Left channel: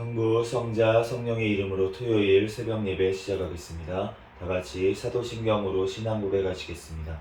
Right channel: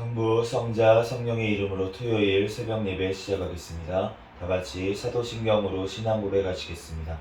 성부, 성자, 성령의 이름으로 토요일 새벽 예배 시작하겠습니다. 다 같이 사도신경으로 신앙 고백하시겠습니다.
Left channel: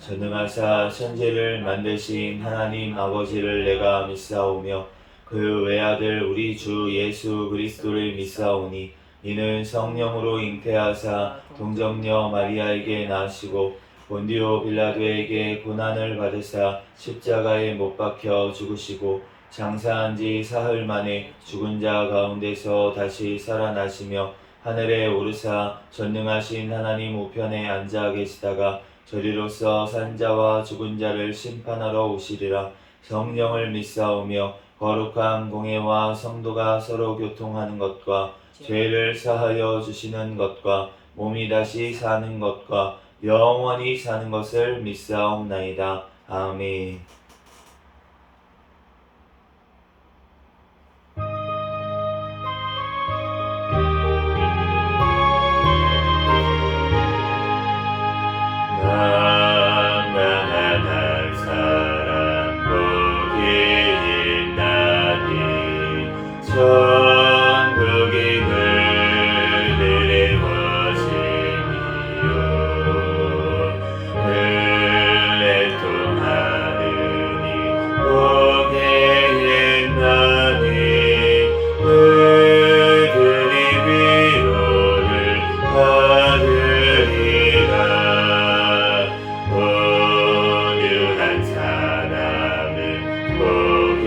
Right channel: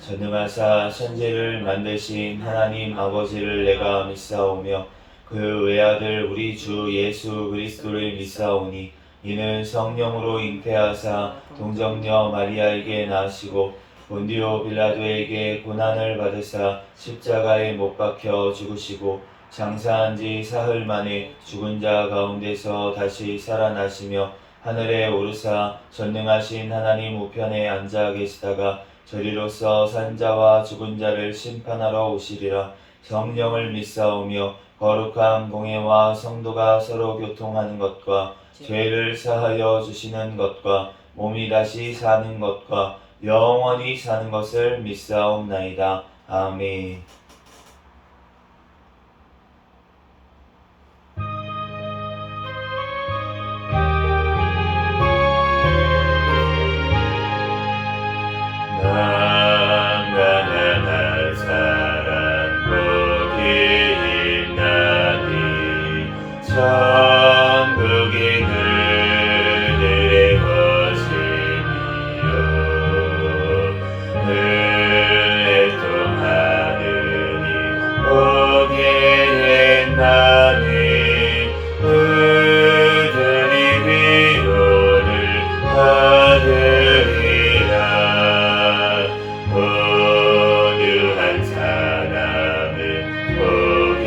전능하사 천지를 만드신 하나님 아버지를 내가 믿사오며 그 외아들 우리 주 예수 그리스도를 믿사오니 이는 성령으로 잉태하사 동정녀 마리아에게 나시고 본디오 빌라도에게 고난을 받으사 십자가에 못 박혀 죽으시고 장사한 지 사흘 만에 죽은 자 가운데서 다시 살아나시며 하늘에 오르사 전능하신 하나님 우편에 앉아 계시다가 저리로서 산 자와 죽은 자를 심판하러 오시리라. 성령을 믿사오며 거룩한 공예와 성도가 서로 교통하는 것과 죄를 사하여 주시는 것과 몸이 다시 사는 것과 영원히 사는 것을 믿사옵나이다. 아멘. 만나는 사람 복이 있나니 천국이 그들의 것이니요 은혜 통하느니 복이 있나니 그들이 위로를 받으리라. 온유한 사람은 복이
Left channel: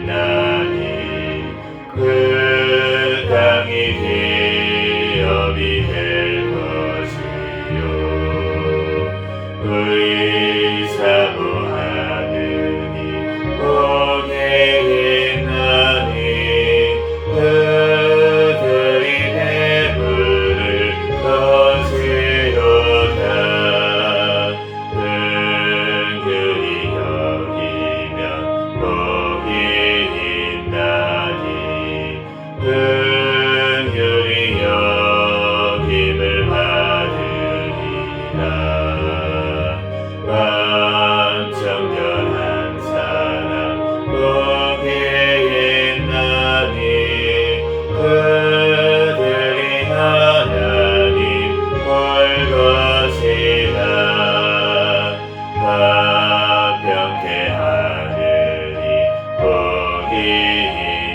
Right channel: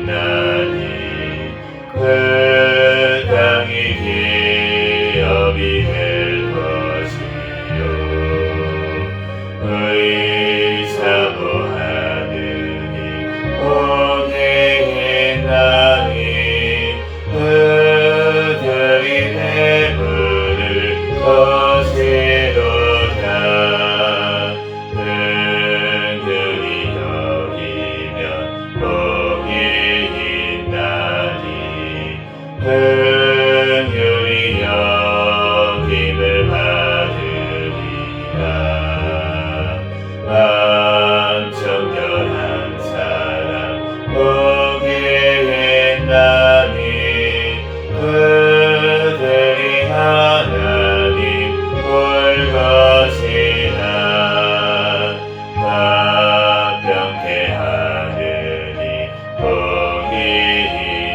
있나니 그 땅이 기업이 될 것이요 의사모하느니 복이 있나니 그들이 배부를 것이로다. 은근히 여기면 복이 있나니 은근히 여김을 받으리라. 마음 정결한 사람 복이 있나니 그들이 하나님 볼 것이라. 화평케 하느니 복이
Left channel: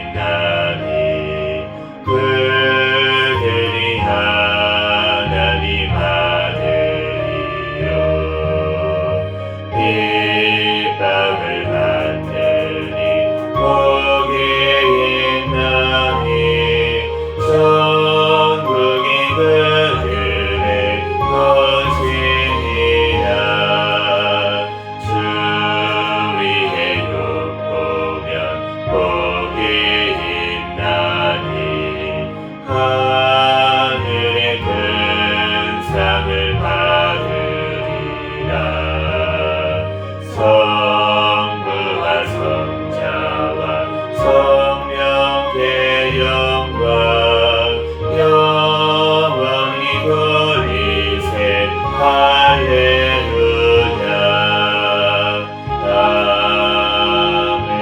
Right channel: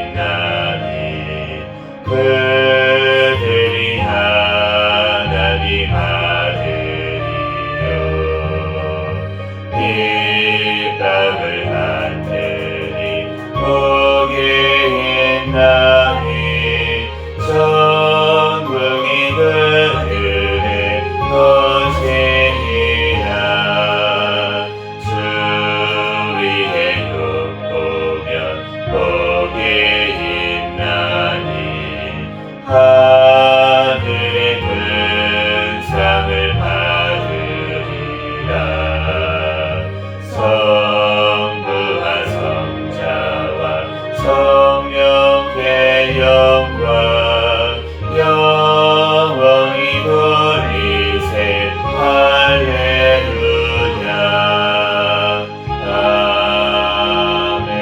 있나니 그들이 하나님 아들이요 핍박을 받으니 복이 있나니 천국이 그들의 것이니라. 주 위에 욕보면 복이 있나니 하늘의 큰 상을 받으리라. 성부와 성자와 성령의 영광 영원히 돌리세. 할렐루야. 아멘.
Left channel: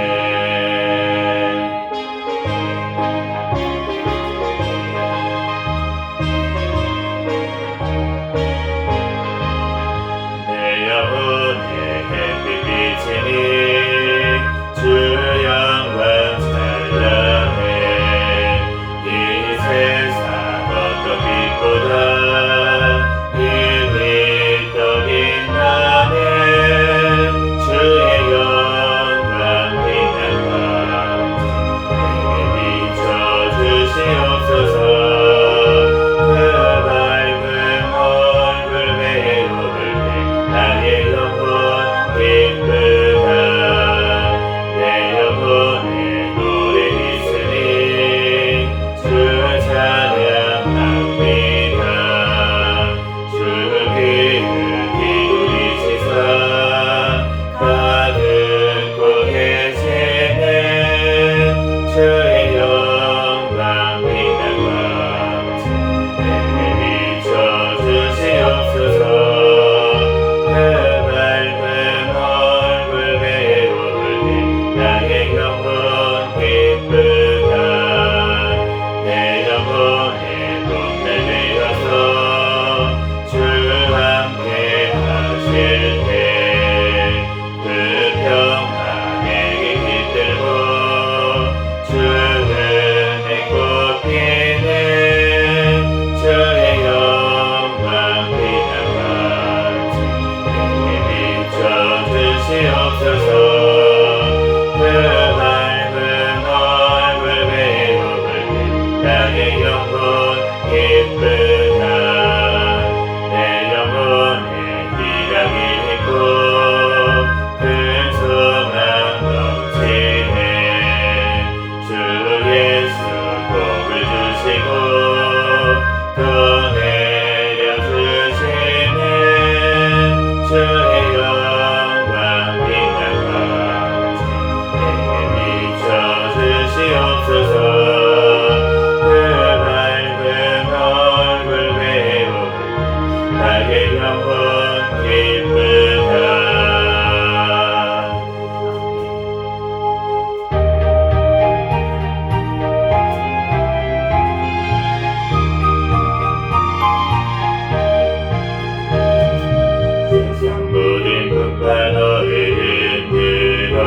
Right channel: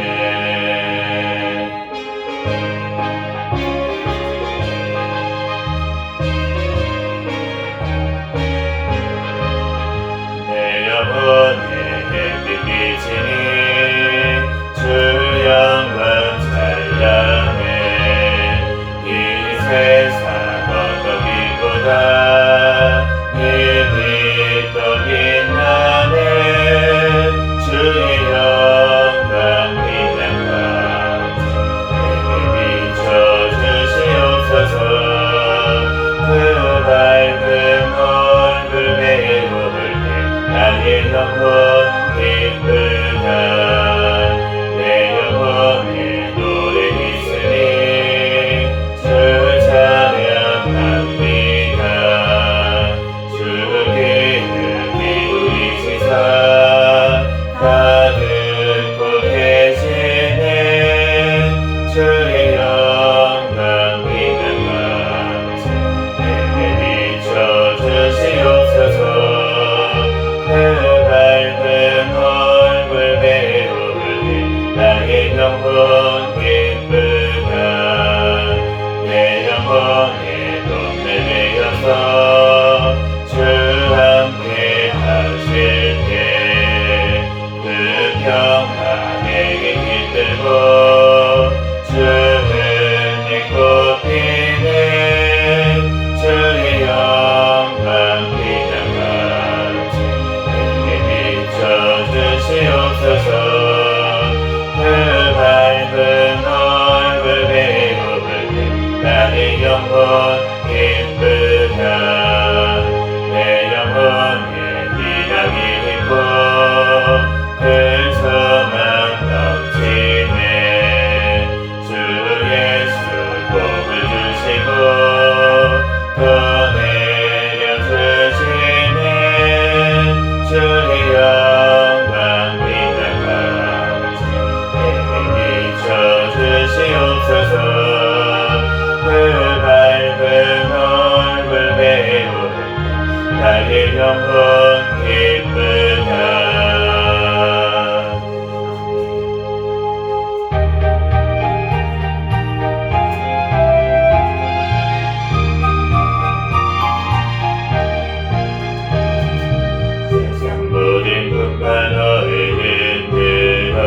주시옵소서. 그 밝은 얼굴 배우를 나의 영혼 기쁘다. 내 영혼에 희락이 있고 큰 소망 넘치네. 주 예수 복을 주시고 또 내려주시네. 주의 영광 빛나같이 내게 비춰주시옵소서. 그 밝은 얼굴 배우를 나의 영혼 기쁘다. 세상 모든 분과 너를 흔들어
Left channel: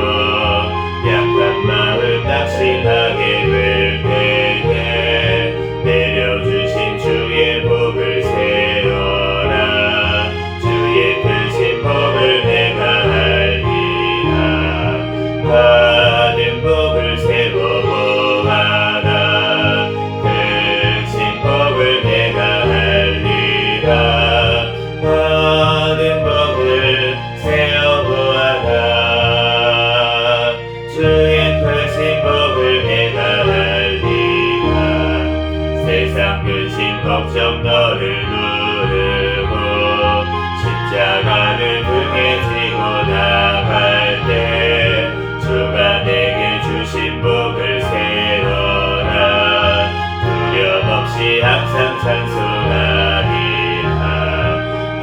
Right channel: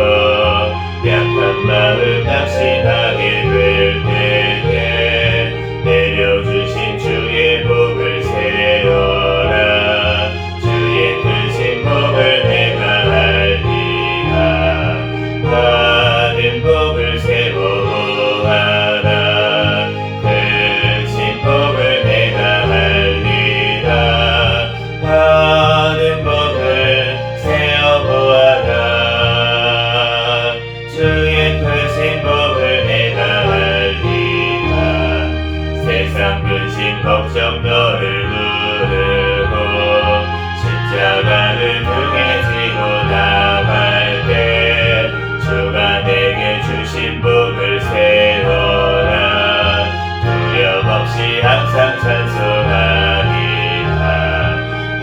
약한 마음 낙심하게 될 때에 내려주신 주의 복을 세워라. 주의 크신 복을 내가 알리라. 받은 복을 세워보아라. 크신 복을 내가 알리라. 받은 복을 세어보아라. 주의 크신 복을 내가 알리라. 세상 근심 걱정 너를 누르고 십자가를 등에 지고 나갈 때 주가 내게 주신 복을 세워라. 두려움 없이 항상 찬송하리라.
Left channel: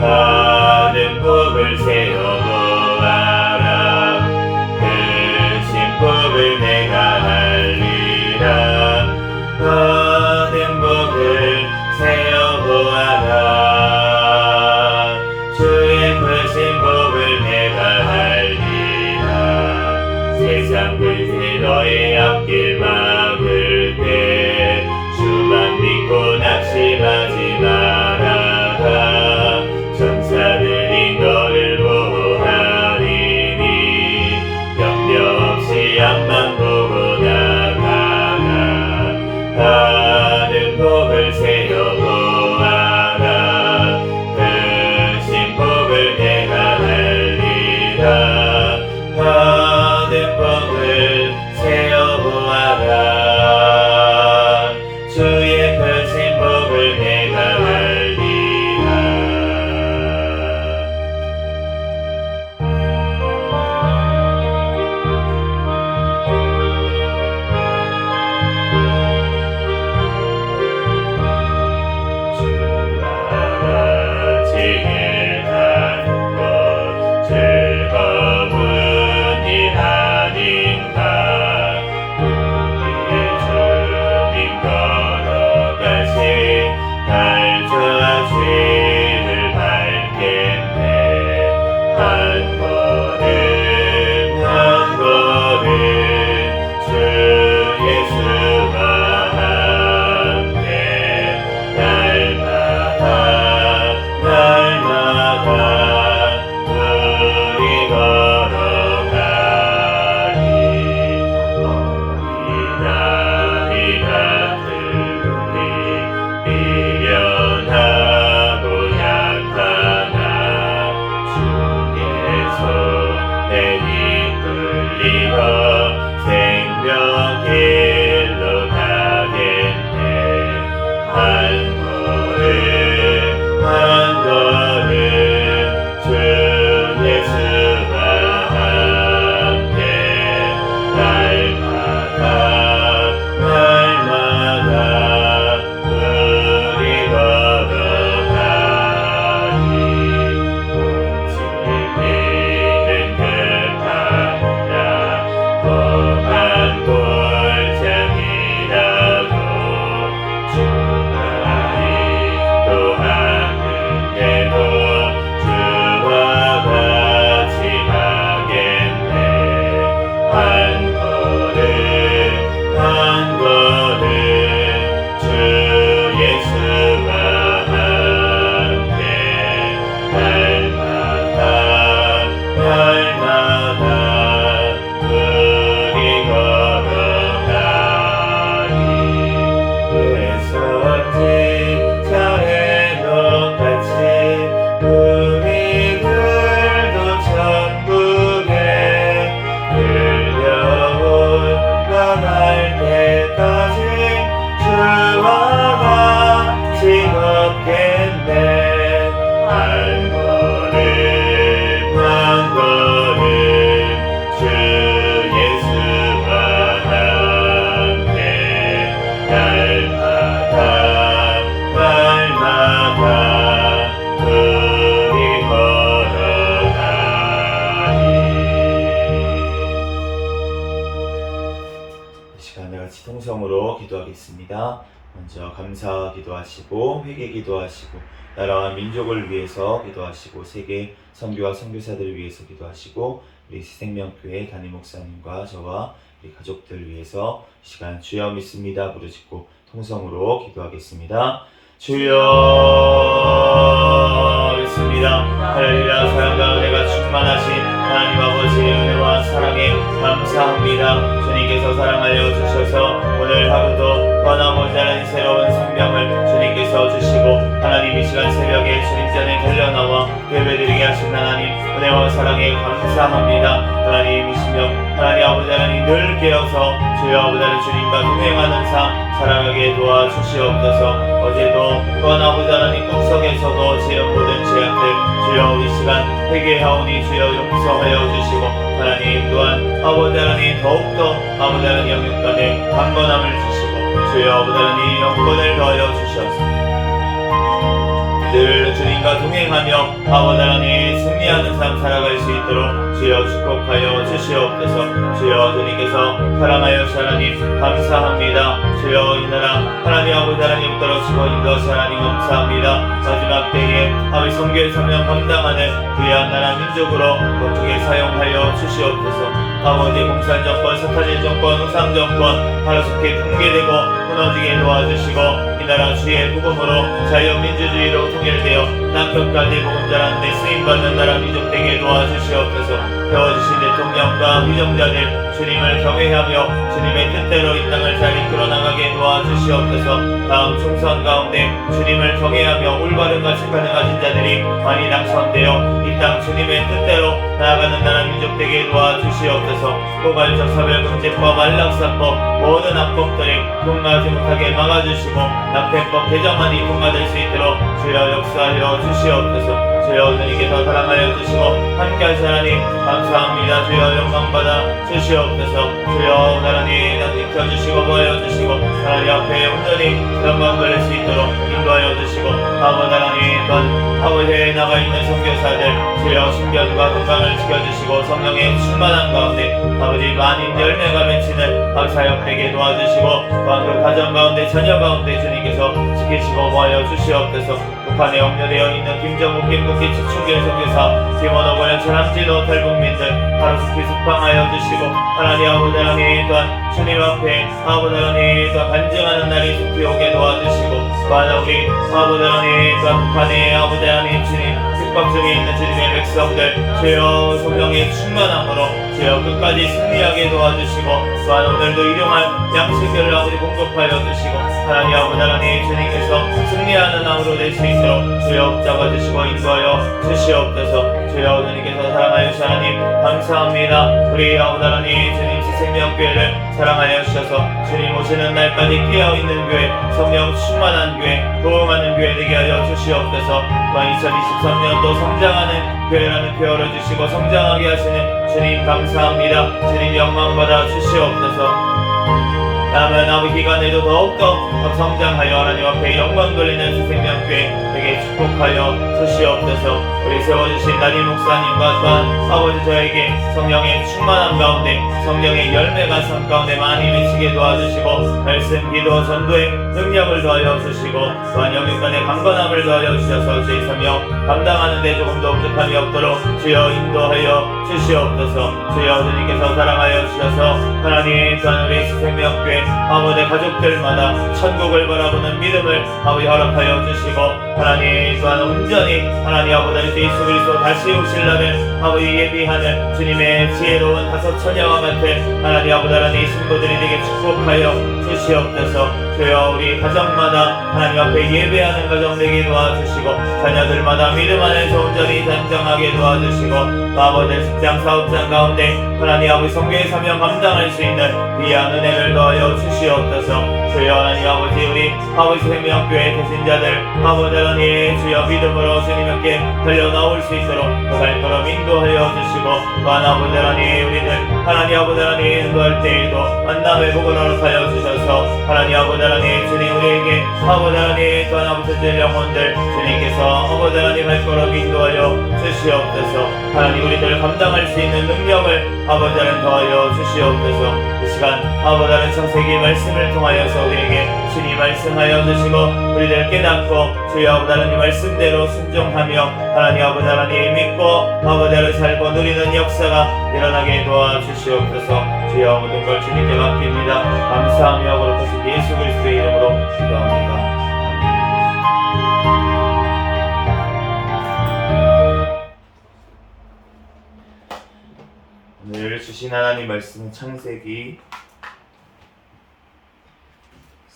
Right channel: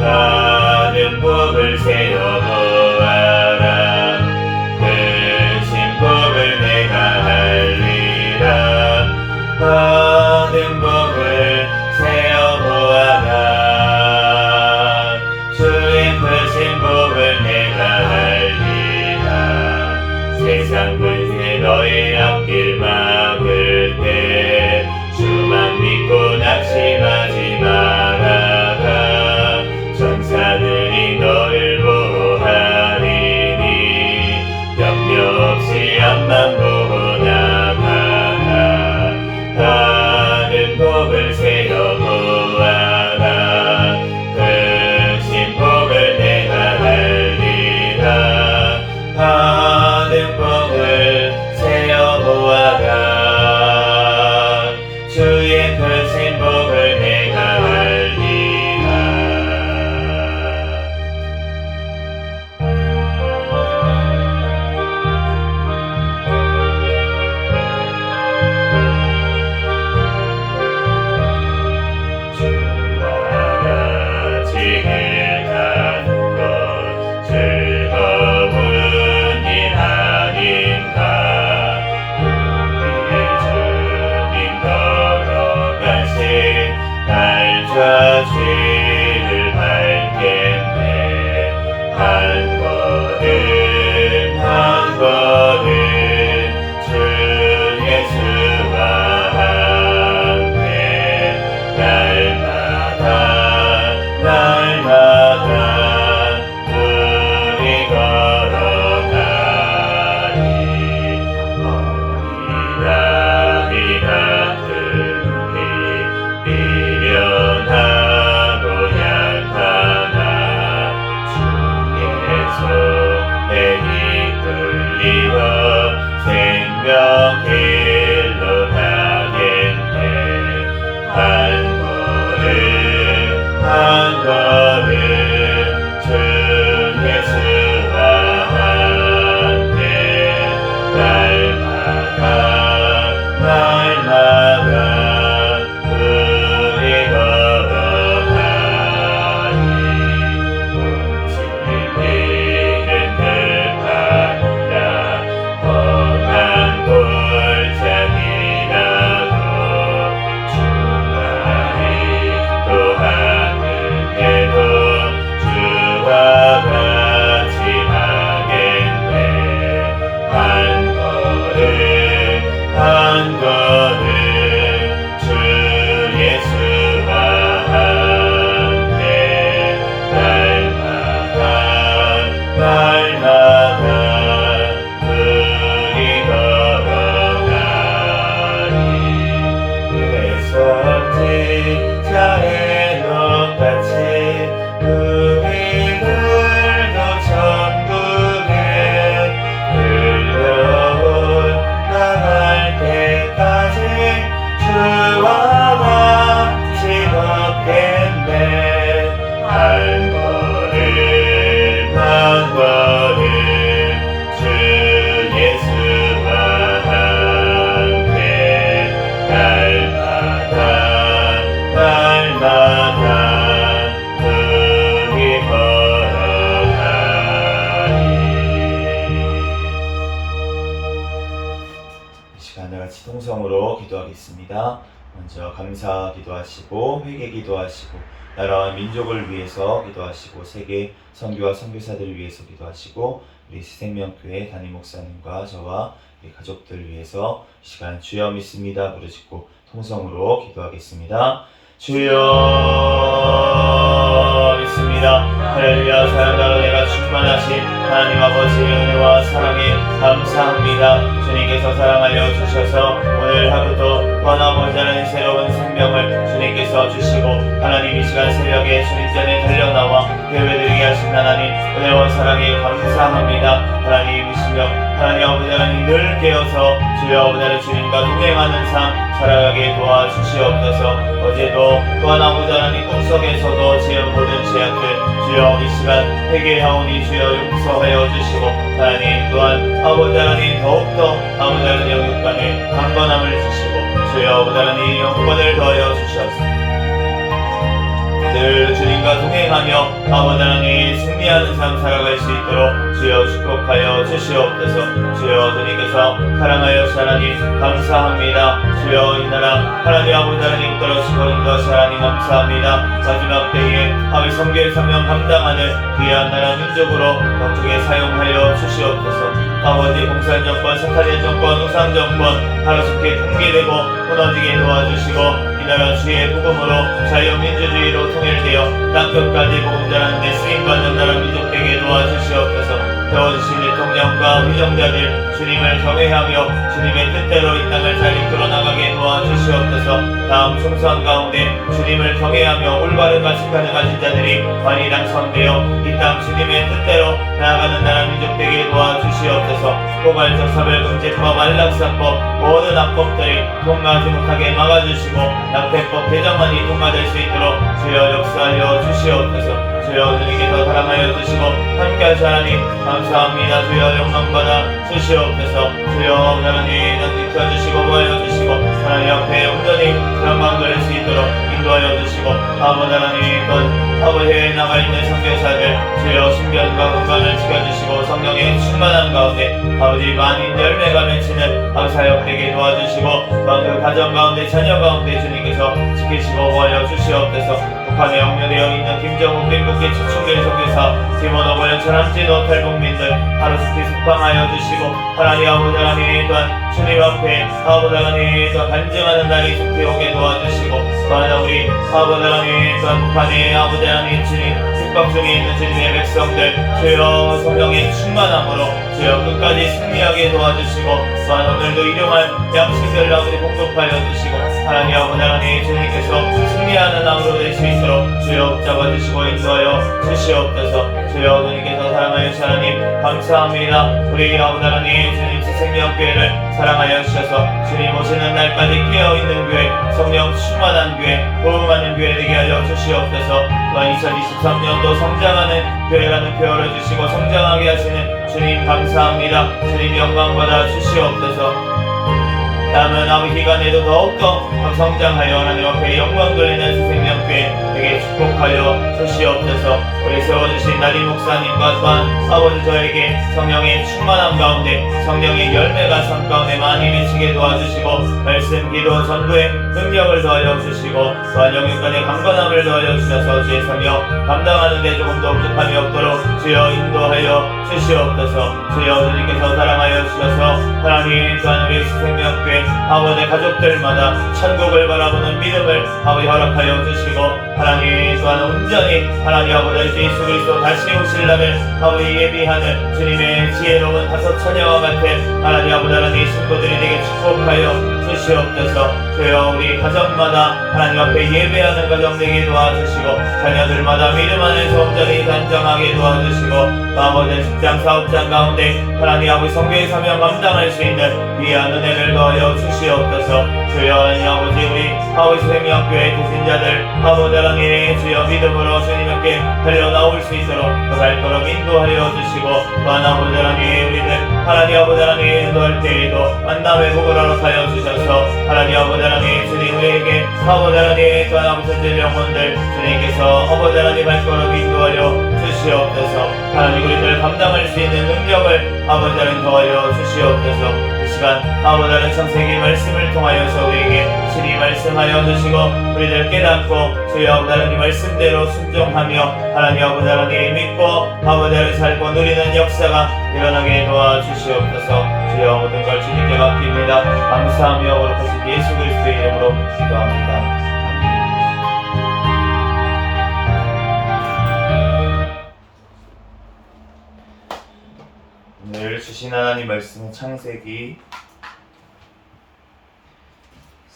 받은 복을 세어보아라. 크신 복을 내가 알리라. 받은 복을 세어보아라. 주의 크신 복을 내가 알리라. 세상 근세 너의 앞길 막을 때 주만 믿고 낙심하지 말아라. 천사들이 너를 보호하리니 염려 없이 앞만 보고 나가라. 받은 복을 세어보아라. 크신 복을 내가 알리라. 받은 복을 세어보아라. 한걸음 주 예수와 함께 날마다 우리 걸어가리. 이 시간에 같이 통성으로 기도하겠습니다. 먼저 감사 기도하시고 회개 기도하시고 나라와 민족을 위해서 기도하시고 세계 선교와 선교사들을 위해서 기도하시고 우리 생명교회 담임 목사님과 저와 우리 가족들을 위해서 이 시간 주여 믿습니다 부르짖고 통성으로 기도하겠습니다. 주여 믿습니다. 할렐루야. 사랑과 은혜가 충만하신 하나님 아버지 은혜와 사랑에 감사합니다. 주님께서 사랑하여 주셔서 오늘 하루도 떠나고자 하는 새로운 생명을 주님께서 주시고 하나님 이 시간 새벽에 주님 전에 달려나와 예배드리게 하신 하나님 은혜와 사랑에 감사합니다. 하나님이시며 하나님 아버지 하나님 늘 깨어서 주여 아버지 하나님 주님과 동행하는 삶 살아가게 도와주시옵소서. 어제도 떠나고자 하나님 꿈속에서도 지은 모든 죄악들 주여 이 시간 회개하오니 주여 용서하여 주시고 하나님 또한 아버지 하나님 더욱더 아버지 하나님 영육간에 강건함을 주시고 주여 아버지 하나님 영권을 더하여 주시옵소서. 늘 주님과 동행하며 아버지 하나님 승리하는 삶 살아갈 수 있도록 주여 축복하여 주시옵소서. 주여 주님께서 사랑하여 주시 하나님 감사합니다. 주여 이 나라 하나님 아버지 하나님 떨어지고 인도하시 하나님 감사합니다. 마지막 때에 아버지 선교의 사명 감당하는 귀한 나라 민족으로 거룩하게 사용하여 주시옵소서. 아버지 공산 정권, 사탄의 정권, 우상 정권 하루속히 붕괴되고 무너지게 도와주시고 이 나라 주의 복음으로 자유민주주의로 통일되어 땅끝까지 복음 전하는 데 쓰임받는 나라 민족 되게 도와주시옵소서. 세워주신 대통령과 위정자들 주님을 경외하며 주님의 뜻대로 이 땅을 잘 이끌어 나가게 도와주시옵소서. 다음 총선 가운데 주님을 경외하며 올바른 가치관을 가진 자들이 많이 당선되어 이 땅 주님의 뜻대로 나아가는 나라 민족 되게 도와주시옵소서. 포괄적 사별금지법, 안락사법 모든 악법들이 통과하지 못하게 막아주시고 낙태법 개정안이 통과될 수 있도록 주여 역사하여 주시옵소서. 주여 주님께서 사랑하여 주시고 함께하시 하나님 감사합니다. 주여 영광받아 주시옵소서. 주여 하나님 지켜주시고 보여주시고 하나님 앞에 온전히 영광 돌릴 수 있도록 인도하여 주시고 아버지 하나님 또 아버지에 나가 있는 선교사들 주여 신변과 건강을 지켜주시고 성령의 충만한 가운데 아버지 많은 열매가 맺히는 사역되게 도와주시고 또한 그 가정 가운데 자녀 가운데 주님께서 지키시고 보여 주시옵소서. 북한에 억류되어 있는 김정욱, 김국기, 추충길 선교사, 디모노, 권영철, 한진호, 탈북민들 하루속히 석방하여 주시고 하나님 아버지 하나님 또한 주님 앞에 아버지 하나님 또한 간증하는 날이 속히 오게 도와주시고 또한 우리 아버지 하나님 또한 북한의 아버지 하나님 주님 집박 중에 있는 주님의 백성들 주여 성령의 충만함으로 주여 끝까지 승리하게 도와주시고 또한 오늘도 일용할 양식을 아버지 공급하여 주시고 하나님 아버지 하나님 주님께서 승리하는 암으로 될 수 있도록 주여 붙잡아주시고 인도하여 주시옵소서. 주여 주님께서 사랑하여 주시 하나님 감사합니다. 우리 아버지 하나님 주님 생명교회를 사랑하여 주셔서 주님 오시는 날까지 깨어있는 교회 성령 충만한 교회 부흥하는 교회 되게 하여 주시옵소서. 또한 2023년도 성장하는 교회라는 표어를 주시고 성장하게 하시는 주님 감사합니다. 주님 영광받아 주시옵소서. 남은 아버지 기간에도 더욱더 성장하여 하나님 앞에 영광 돌리는 생명교회 되게 축복하여 주시옵소서. 우리 세워주신 담임 목사님과 또한 아버지 저에게 성령의 충만함 가운데 성령의 열매가 삶 가운데 많이 미치게 도와주시고 말씀 기도 전도에 능력을 더하여 주시고 또한 영육간의 강건함을 더하여 주셔서 주의 성령 감당하는 데 조금도 부족함이 없도록 주여 인도하여 주시옵소서. 주여 주님께서 사랑하여 주셔서 하나님 또한 우리 생명교회 아버지 가족들마다 천국을 바라보는 믿음을 아버지 허락하여 주시고 하나님 또한 온전히 하나님 아버지 예수 그리스도 다시 오실 날을 아버지 예비하는 주님의 지혜로운 다섯 처녀와 같은 하나님 아버지 하나님의 신부들이 되게 축복하여 주시옵소서. 주여 우리 가정마다 하나님 앞에 예배하는 가정 되게 도와주시고 자녀들마다 믿음 안에서 온전히 단정하게 도와주시고 아버지 직장 사업장 가운데 하나님 아버지 성교의 사명 감당할 수 있는 귀한 은혜를 더하여 주시옵소서. 주여 하나님 아버지 우리 아버지 생명교회 대신자들 아버지 하나님 주여 믿음으로 주님께 달려나올 수 있도록 그 발걸음 인도하여 주시고 또한 아버지 하나님 우리들 하나님 아버지 하나님 인도할 때에도 만남의 복을 허락하여 주셔서 하나님 아버지 하나님 주님 우리에게 아버지 하나님 또한 아버지 천재 영혼들 주님께서 아버지 하나님 발걸음 인도하여 주시옵소서. 하나님 우리들 감당할 수 있는 능력을 아버지 하나님 더하여 주시옵소서. 그 시간 아버지 하나님 창세기 말씀을 통하여서 우리에게 신이 말씀하여 주시고 우리들 깨닫고 주여 아버지 하나님 말씀대로 순종하며 하나님 아버지 하나님 믿고 아버지 하나님 살고 누리는 역사가 일어나게 도와주시옵소서. 주여 모든 걸 주님께 맡깁니다. 감사하며 거룩하신 예수 그리스도의 이름으로 기도합니다. 오늘 주신 하나님 말씀은 창세기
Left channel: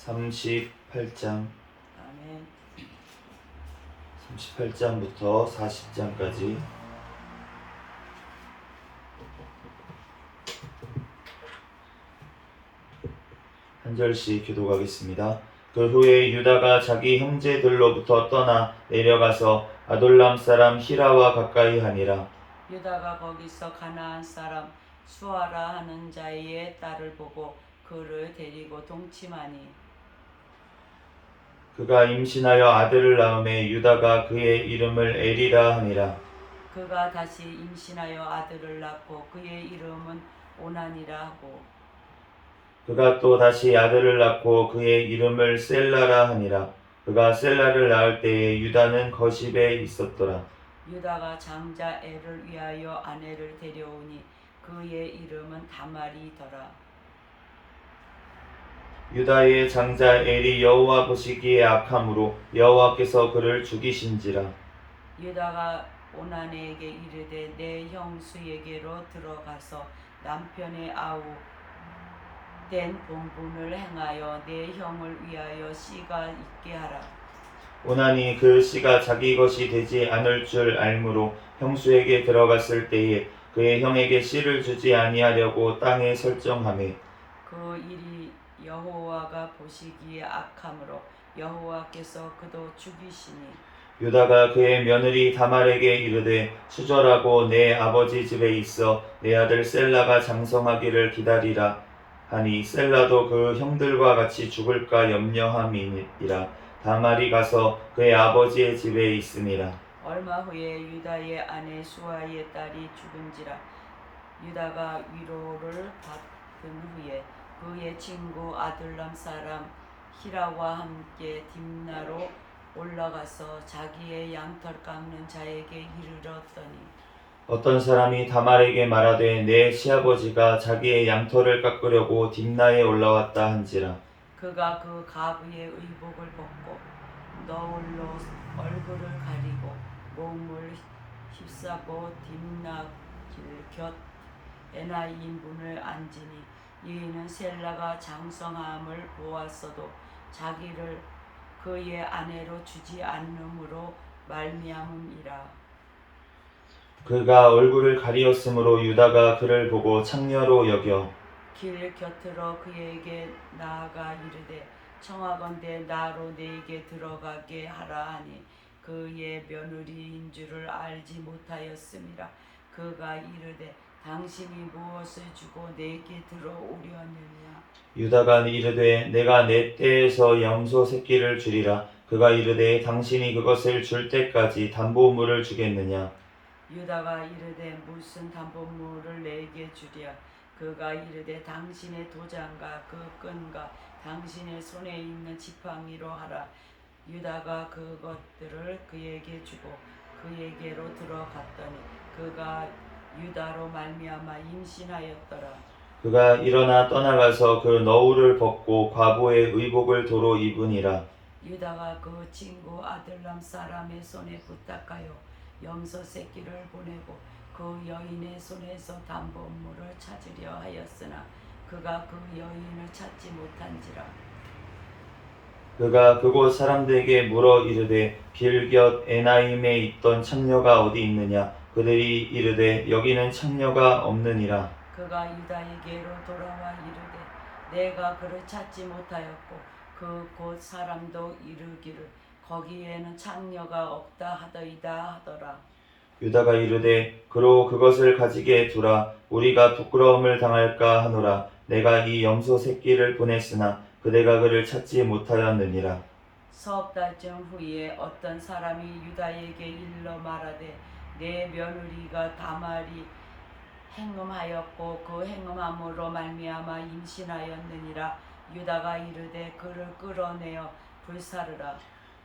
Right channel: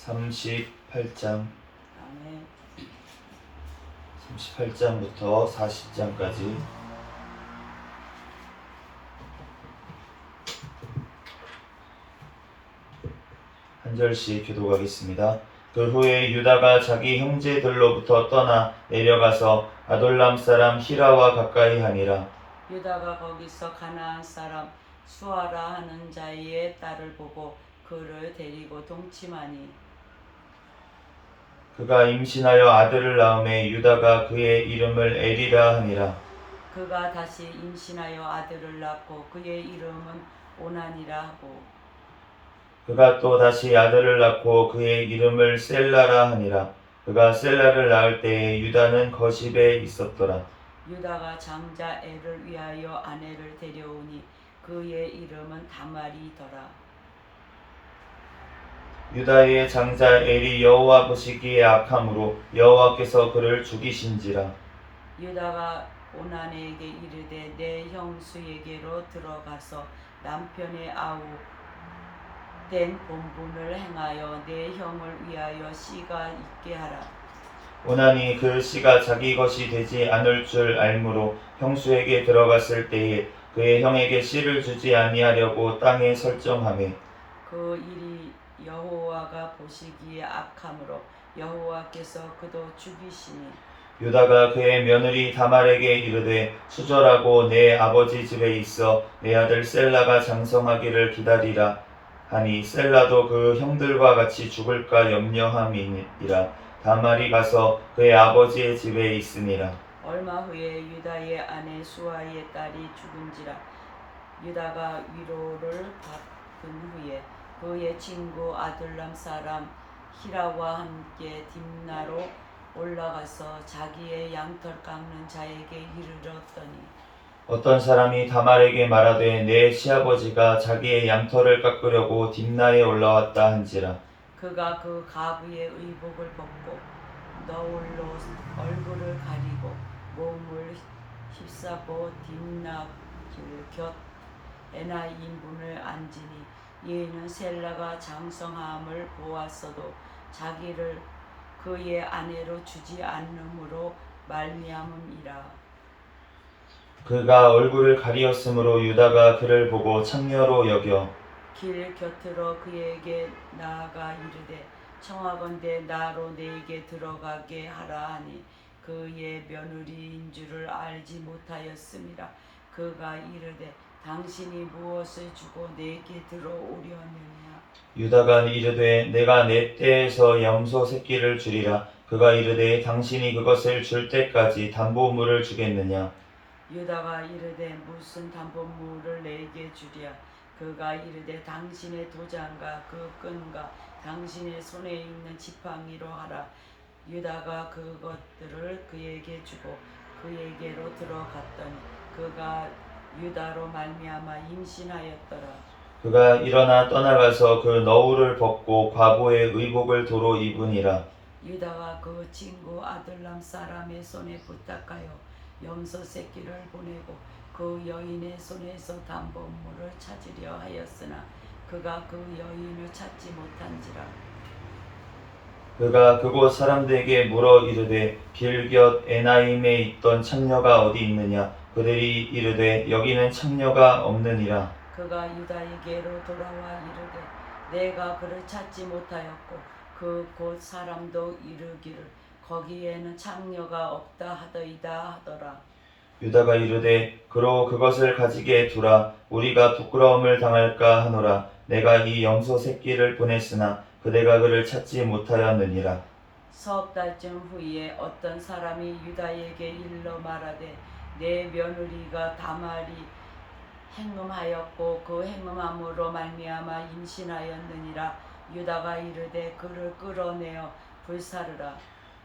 38장 38장부터 40장까지 한 절씩 교독하겠습니다. 그 후에 유다가 자기 형제들로부터 떠나 내려가서 아돌람 사람 히라와 가까이 하니라. 유다가 거기서 가나안 사람 수아라 하는 자의 딸을 보고 그를 데리고 동침하니 그가 임신하여 아들을 낳음에 유다가 그의 이름을 에리라 하니라. 그가 다시 임신하여 아들을 낳고 그의 이름은 오난이라 하고 그가 또 다시 아들을 낳고 그의 이름을 셀라라 하니라. 그가 셀라를 낳을 때에 유다는 거십에 있었더라. 유다가 장자 엘을 위하여 아내를 데려오니 그의 이름은 다말이더라. 유다의 장자 엘이 여호와 보시기에 악함으로 여호와께서 그를 죽이신지라. 유다가 오난에게 이르되 내 형수에게로 들어가서 남편의 아우 된 본분을 행하여 내 형을 위하여 씨가 있게 하라. 오난이 그 씨가 자기 것이 되지 않을 줄 알므로 형수에게 들어갔을 때에 그의 형에게 씨를 주지 아니하려고 땅에 설정하매 그 일이 여호와가 보시기에 악함으로 여호와께서 그도 죽이시니 유다가 그의 며느리 다말에게 이르되 수절하고 내 아버지 집에 있어 내 아들 셀라가 장성하기를 기다리라 하니 셀라도 그 형들과 같이 죽을까 염려함이니라. 다말이 가서 그의 아버지의 집에 있으니라. 얼마 후에 유다의 아내 수아의 딸이 죽은지라. 유다가 위로를 받은 후에 그의 친구 아둘람 사람 히라와 함께 딥나로 올라가서 자기의 양털 깎는 자에게 이르렀더니 어떤 사람이 다말에게 말하되 내 시아버지가 자기의 양털을 깎으려고 딥나에 올라왔다 한지라. 그가 그 가부의 의복을 벗고 너울로 얼굴을 가리고 몸을 휩싸고 딥나 길 곁 에나임분을 앉으니 이는 셀라가 장성함을 보았어도 자기를 그의 아내로 주지 않음으로 말미암음이라. 그가 얼굴을 가리었으므로 유다가 그를 보고 창녀로 여겨 길 곁으로 그에게 나아가 이르되 청하건대 나로 네게 들어가게 하라 하니 그의 며느리인 줄을 알지 못하였음이라. 그가 이르되 당신이 무엇을 주고 내게 들어오려느냐. 유다가 이르되 내가 내 떼에서 염소 새끼를 주리라. 그가 이르되 당신이 그것을 줄 때까지 담보물을 주겠느냐. 유다가 이르되 무슨 담보물을 내게 주랴. 그가 이르되 당신의 도장과 그 끈과 당신의 손에 있는 지팡이로 하라. 유다가 그것들을 그에게 주고 그에게로 들어갔더니 그가 유다로 말미암아 임신하였더라. 그가 일어나 떠나가서 그 너울을 벗고 과부의 의복을 도로 입으니라. 유다가 그 친구 아들람 사람의 손에 부탁하여 염소 새끼를 보내고 그 여인의 손에서 담보물을 찾으려 하였으나 그가 그 여인을 찾지 못한지라. 그가 그곳 사람들에게 물어 이르되 길곁 에나임에 있던 창녀가 어디 있느냐 그들이 이르되 여기는 창녀가 없느니라. 그가 유다에게로 돌아와 이르되 내가 그를 찾지 못하였고 그 곳 사람도 이르기를 거기에는 창녀가 없다 하더이다 하더라. 유다가 이르되 그로 그것을 가지게 두라. 우리가 부끄러움을 당할까 하노라. 내가 이 염소 새끼를 보냈으나 그대가 그를 찾지 못하였느니라. 석 달쯤 후에 어떤 사람이 유다에게 일러 말하되 내 며느리가 다말이 행음하였고 그 행음함으로 말미암아 임신하였느니라. 유다가 이르되 그를 끌어내어 불사르라.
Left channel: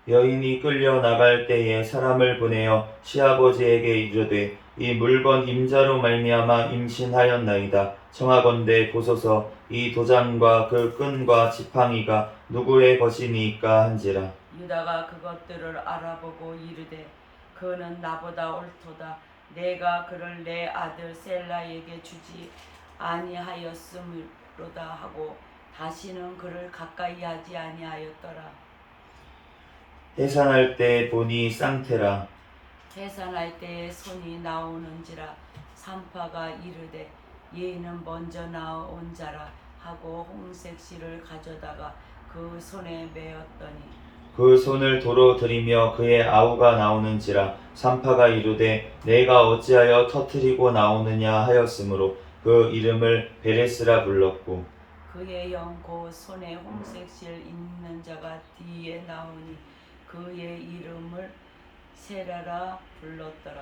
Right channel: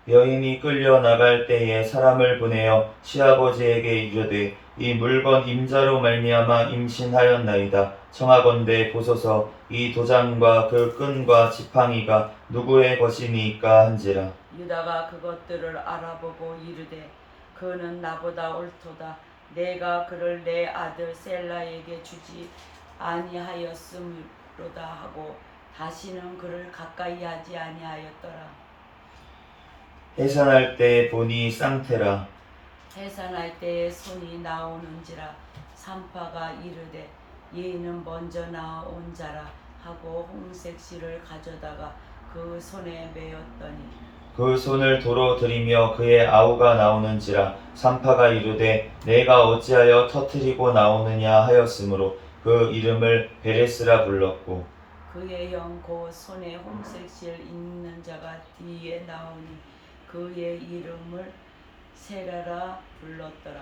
여인이 끌려 나갈 때에 사람을 보내어 시아버지에게 이르되 이 물건 임자로 말미암아 임신하였나이다. 청하건대 보소서 이 도장과 그 끈과 지팡이가 누구의 것이니까 한지라. 유다가 그것들을 알아보고 이르되 그는 나보다 옳도다. 내가 그를 내 아들 셀라에게 주지 아니하였음으로다 하고 다시는 그를 가까이 하지 아니하였더라. 해산할 때 보니 쌍태라. 해산할 때에 손이 나오는지라. 산파가 이르되 얘는 먼저 나온 자라 하고 홍색 실을 가져다가 그 손에 메었더니 그 손을 도로 들이며 그의 아우가 나오는지라. 산파가 이르되 내가 어찌하여 터뜨리고 나오느냐 하였으므로 그 이름을 베레스라 불렀고 그의 영 곧 손에 홍색 실 있는 자가 뒤에 나오니 그의 이름을 세라라 불렀더라.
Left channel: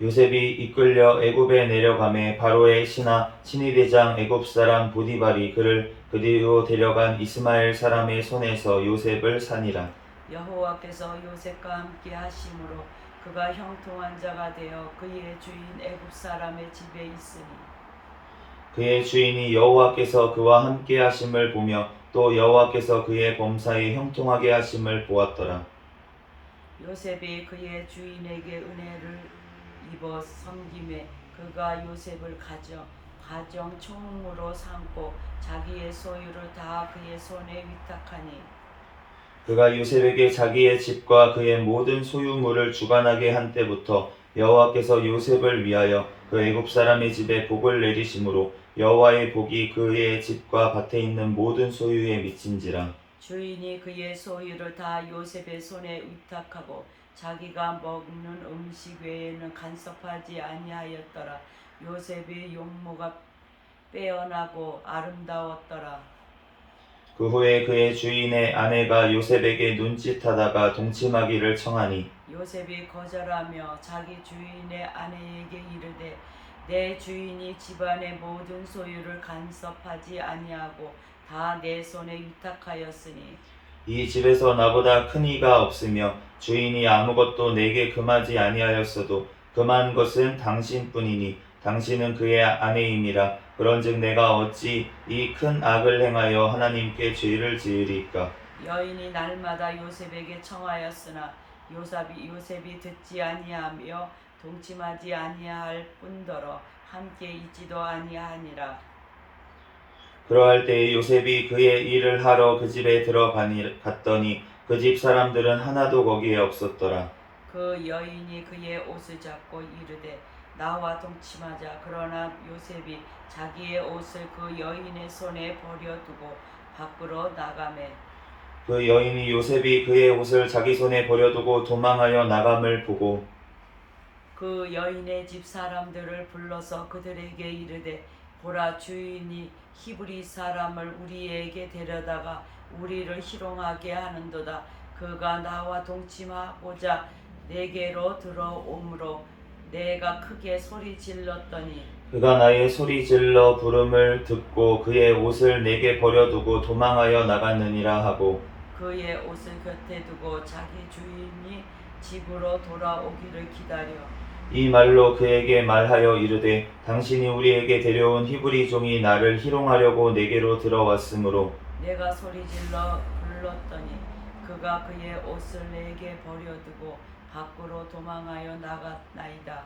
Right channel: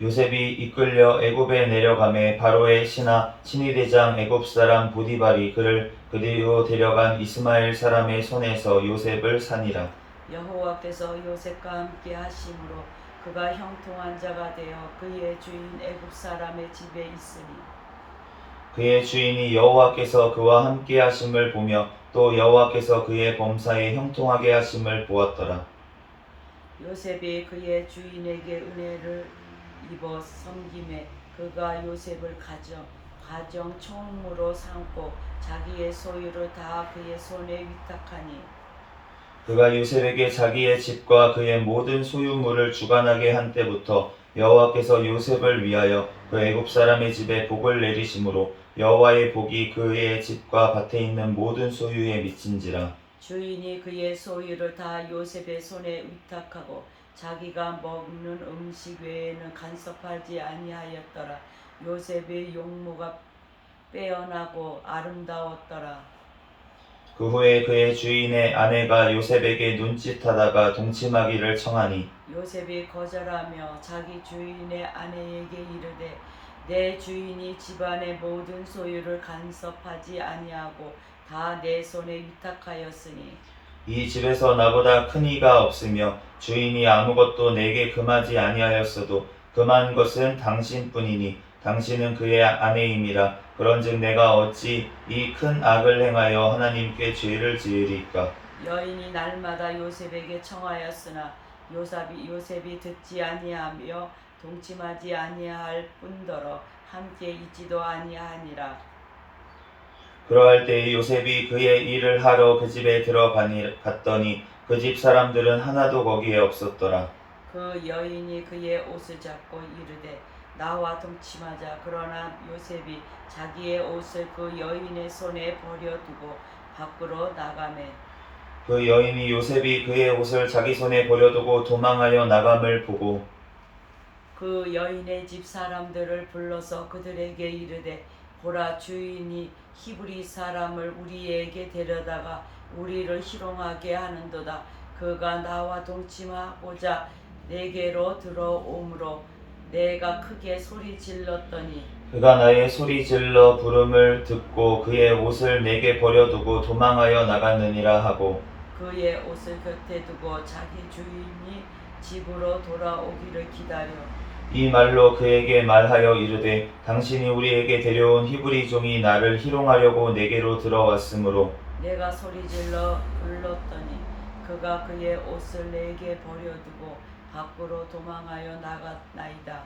요셉이 이끌려 애굽에 내려가매 바로의 신하 친위대장 애굽 사람 보디발이 그를 그리로 데려간 이스마엘 사람의 손에서 요셉을 산이라. 여호와께서 요셉과 함께 하심으로 그가 형통한 자가 되어 그의 주인 애굽 사람의 집에 있으니 그의 주인이 여호와께서 그와 함께 하심을 보며 또 여호와께서 그의 범사에 형통하게 하심을 보았더라. 요셉이 그의 주인에게 은혜를 입어 섬김에 그가 요셉을 가정 총무로 삼고 자기의 소유를 다 그의 손에 위탁하니 그가 요셉에게 자기의 집과 그의 모든 소유물을 주관하게 한 때부터 여호와께서 요셉을 위하여 그 애굽 사람의 집에 복을 내리심으로 여호와의 복이 그의 집과 밭에 있는 모든 소유에 미친지라. 주인이 그의 소유를 다 요셉의 손에 위탁하고 자기가 먹는 음식 외에는 간섭하지 아니하였더라. 요셉의 용모가 빼어나고 아름다웠더라. 그 후에 그의 주인의 아내가 요셉에게 눈짓하다가 동침하기를 청하니 요셉이 거절하며 자기 주인의 아내에게 이르되 내 주인이 집안의 모든 소유를 간섭하지 아니하고 다 내 손에 위탁하였으니 이 집에서 나보다 큰 이가 없으며 주인이 아무것도 내게 금하지 아니하였어도 금한 것은 당신뿐이니 당신은 그의 아내임이라. 그런즉 내가 어찌 이 큰 악을 행하여 하나님께 죄를 지으리까. 여인이 날마다 요셉에게 청하였으나 요셉이 듣지 아니하며 동침하지 아니할 뿐더러 함께 있지도 아니하니라. 그러할 때에 요셉이 그의 일을 하러 그 집에 들어갔더니 그 집 사람들은 하나도 거기에 없었더라. 그 여인이 그의 옷을 잡고 이르되 나와 동침하자. 그러나 요셉이 자기의 옷을 그 여인의 손에 버려두고 밖으로 나가매 그 여인이 요셉이 그의 옷을 자기 손에 버려두고 도망하여 나감을 보고 그 여인의 집 사람들을 불러서 그들에게 이르되 보라, 주인이 히브리 사람을 우리에게 데려다가 우리를 희롱하게 하는도다. 그가 나와 동침하고자 내게로 들어오므로 내가 크게 소리 질렀더니 그가 나의 소리 질러 부름을 듣고 그의 옷을 내게 버려두고 도망하여 나갔느니라 하고 그의 옷을 곁에 두고 자기 주인이 집으로 돌아오기를 기다려 이 말로 그에게 말하여 이르되 당신이 우리에게 데려온 히브리 종이 나를 희롱하려고 내게로 들어왔으므로 내가 소리질러 불렀더니 그가 그의 옷을 내게 버려두고 밖으로 도망하여 나갔나이다.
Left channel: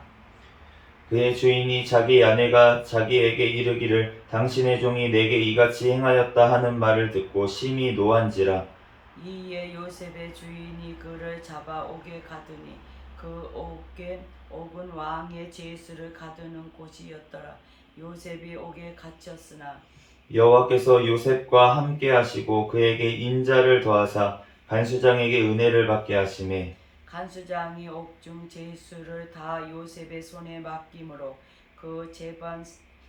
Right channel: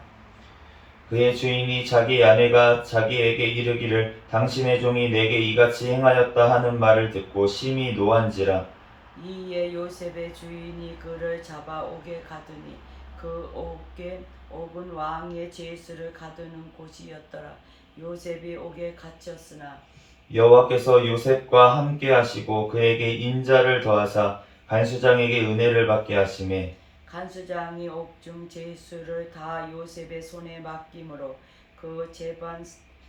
그의 주인이 자기 아내가 자기에게 이르기를 당신의 종이 내게 이같이 행하였다 하는 말을 듣고 심히 노한지라. 이에 요셉의 주인이 그를 잡아 옥에 가두니 그 옥은 왕의 제수를 가두는 곳이었더라. 요셉이 옥에 갇혔으나 여호와께서 요셉과 함께 하시고 그에게 인자를 더하사 간수장에게 은혜를 받게 하시매 간수장이 옥중 제수를 다 요셉의 손에 맡김으로 그 재반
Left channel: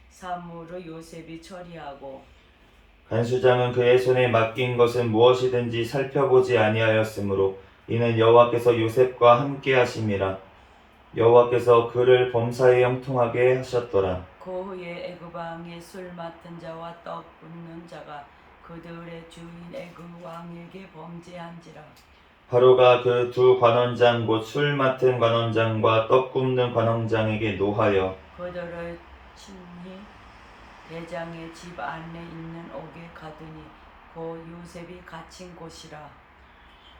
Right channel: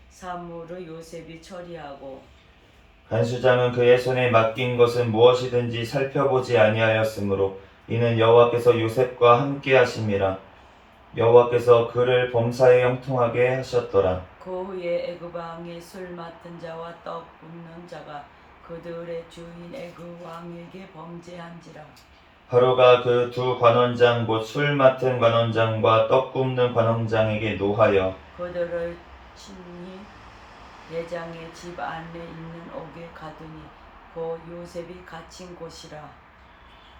사물을 요셉이 처리하고 간수장은 그의 손에 맡긴 것은 무엇이든지 살펴보지 아니하였으므로 이는 여호와께서 요셉과 함께 하심이라. 여호와께서 그를 범사에 형통하게 하셨더라. 그 후에 애굽 왕의 술 맡은 자와 떡 굽는 자가 그들의 주인 애굽 왕에게 범죄한지라. 바로가 그 두 관원장 곧 술 맡은 관원장과 떡 굽는 관원장에게 노하여 그들을 친히 대장의 집 안에 있는 옥에 가두니 곧 요셉이 갇힌 곳이라.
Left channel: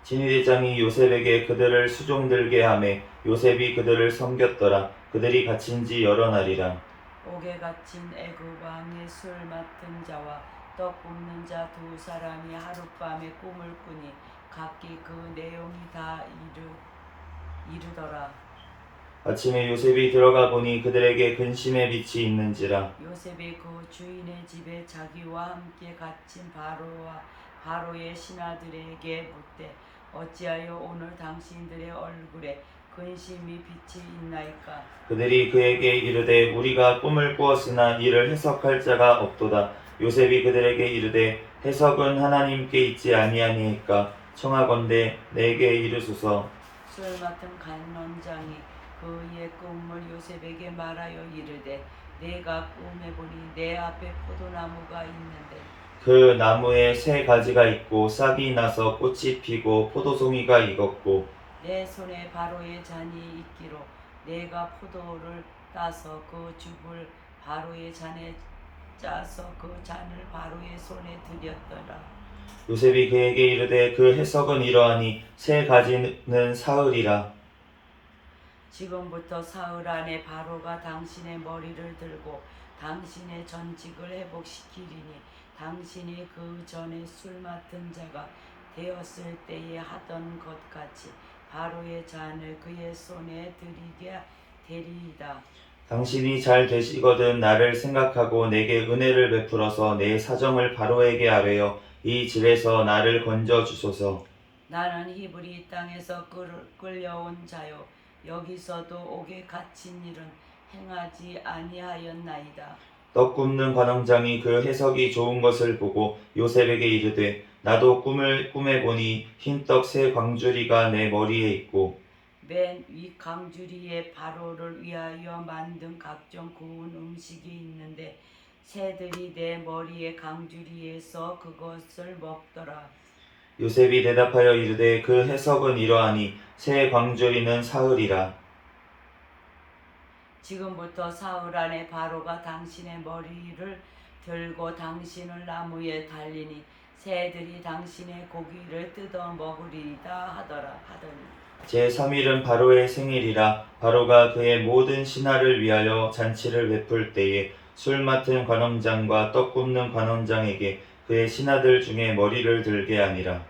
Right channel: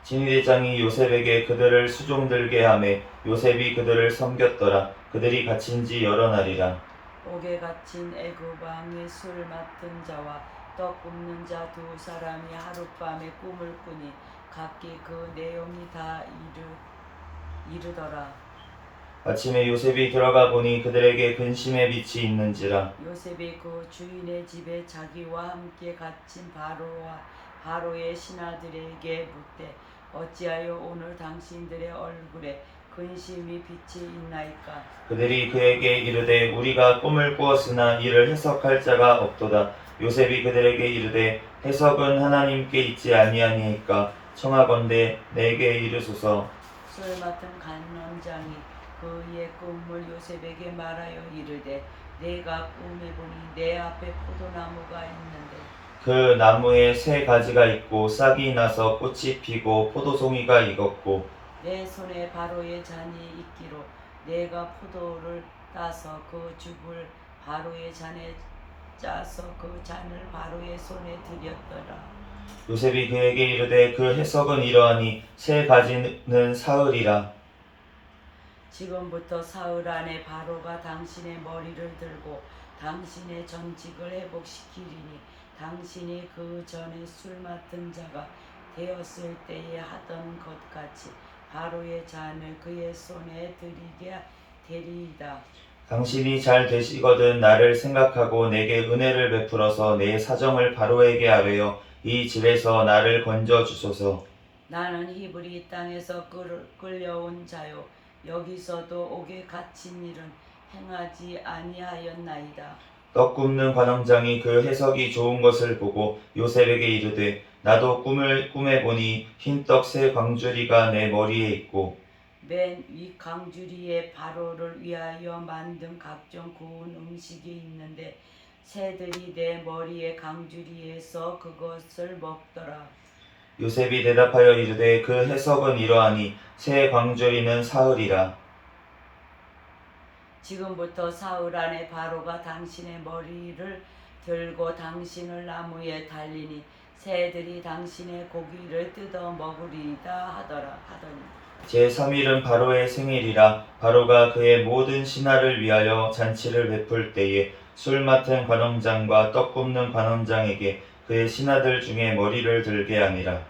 진위대장이 요셉에게 그들을 수종들게 하매 요셉이 그들을 섬겼더라. 그들이 갇힌 지 여러 날이라. 옥에 갇힌 애굽 왕의 술 맡은 자와 떡 굽는 자 두 사람이 하룻밤에 꿈을 꾸니 각기 그 내용이 다 이르더라. 아침에 요셉이 들어가 보니 그들에게 근심의 빛이 있는지라. 요셉이 그 주인의 집에 자기와 함께 갇힌 바로의 신하들에게 묻되 어찌하여 오늘 당신들의 얼굴에 근심이 빛이 있나이까. 그들이 그에게 이르되 우리가 꿈을 꾸었으나 이를 해석할 자가 없도다. 요셉이 그들에게 이르되 해석은 하나님께 있지 아니하니까 청하건대 내게 이르소서. 술 맡은 간원장이 그의 꿈을 요셉에게 말하여 이르되 내가 꿈에 보니 내 앞에 포도나무가 있는데 그 나무에 새 가지가 있고 싹이 나서 꽃이 피고 포도송이가 익었고 내 손에 바로의 잔이 있기로 내가 포도를 따서 그 즙을 바로의 잔에 짜서 그 잔을 바로의 손에 들였더라. 요셉이 그에게 이르되 그 해석은 이러하니 새 가지는 사흘이라. 지금부터 사흘 안에 바로가 당신의 머리를 들고 당신의 전직을 회복시키리니 당신이 그 전에 술 맡은 자가 되었을 때에 하던 것 같이 바로의 잔을 그의 손에 들이게 되리이다. 당신이 잘 되시거든 나를 생각하고 내게 은혜를 베풀어서 내 사정을 바로에게 아뢰어 이 집에서 나를 건져 주소서. 나는 히브리 땅에서 끌려온 자요 여기서도 옥에 갇힌 일은 행하지 아니하였나이다. 떡 굽는 관원장이 그 해석이 좋은 것을 보고 요셉에게 이르되 나도 꿈에 보니 흰떡 새 광주리가 내 머리에 있고 맨 위 강주리에 바로를 위하여 만든 각종 구운 음식이 있는데 새들이 내 머리에 강주리에서 그것을 먹더라. 요셉이 대답하여 이르되 그 해석은 이러하니 새 광주리는 사흘이라. 지금부터 사흘 안에 바로가 당신의 머리를 들고 당신을 나무에 달리니 새들이 당신의 고기를 뜯어 먹으리이다 하더니 제3일은 바로의 생일이라. 바로가 그의 모든 신하를 위하여 잔치를 베풀 때에 술 맡은 관원장과 떡 굽는 관원장에게 그의 신하들 중에 머리를 들게 하니라.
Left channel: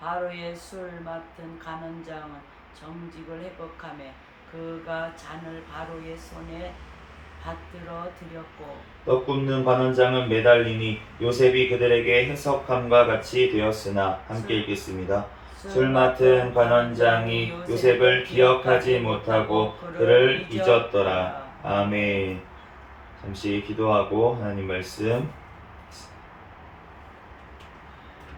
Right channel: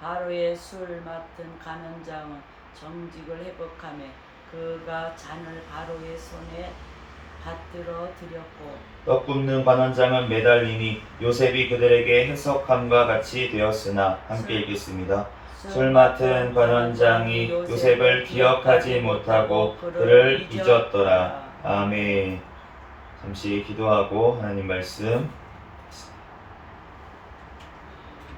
바로의 술 맡은 간원장은 정직을 회복하며 그가 잔을 바로의 손에 받들어 드렸고 떡 굽는 관원장은 매달리니 요셉이 그들에게 해석함과 같이 되었으나 함께 읽겠습니다. 술 맡은 관원장이 요셉을 기억하지 못하고 그를 잊었더라. 아멘. 잠시 기도하고 하나님 말씀.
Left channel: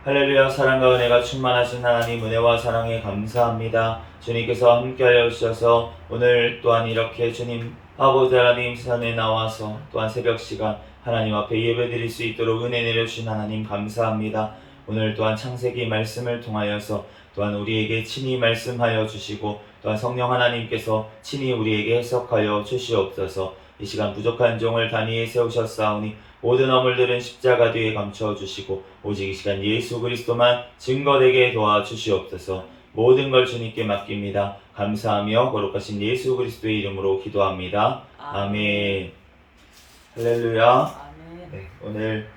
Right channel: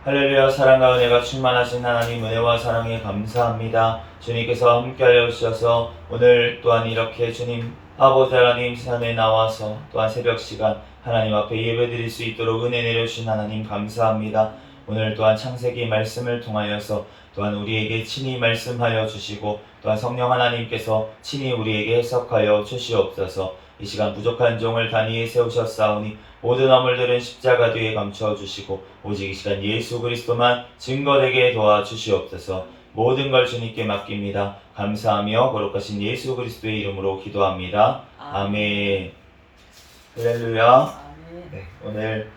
할렐루야. 사랑과 은혜가 충만하신 하나님 은혜와 사랑에 감사합니다. 주님께서 함께하여 주셔서 오늘 또한 이렇게 주님 아버지 하나님 산에 나와서 또한 새벽 시간 하나님 앞에 예배드릴 수 있도록 은혜 내려주신 하나님 감사합니다. 오늘 또한 창세기 말씀을 통하여서 또한 우리에게 친히 말씀하여 주시고 또한 성령 하나님께서 친히 우리에게 해석하여 주시옵소서. 이 시간 부족한 종을 단위에 세우셨사오니 모든 허물들은 십자가 뒤에 감춰주시고 오직 이 시간 예수 그리스도만 증거되게 도와주시옵소서. 모든 걸 주님께 맡깁니다. 감사하며 거룩하신 예수 그리스도의 이름으로 기도합니다. 아멘. 할렐루야. 아멘. 네, 오늘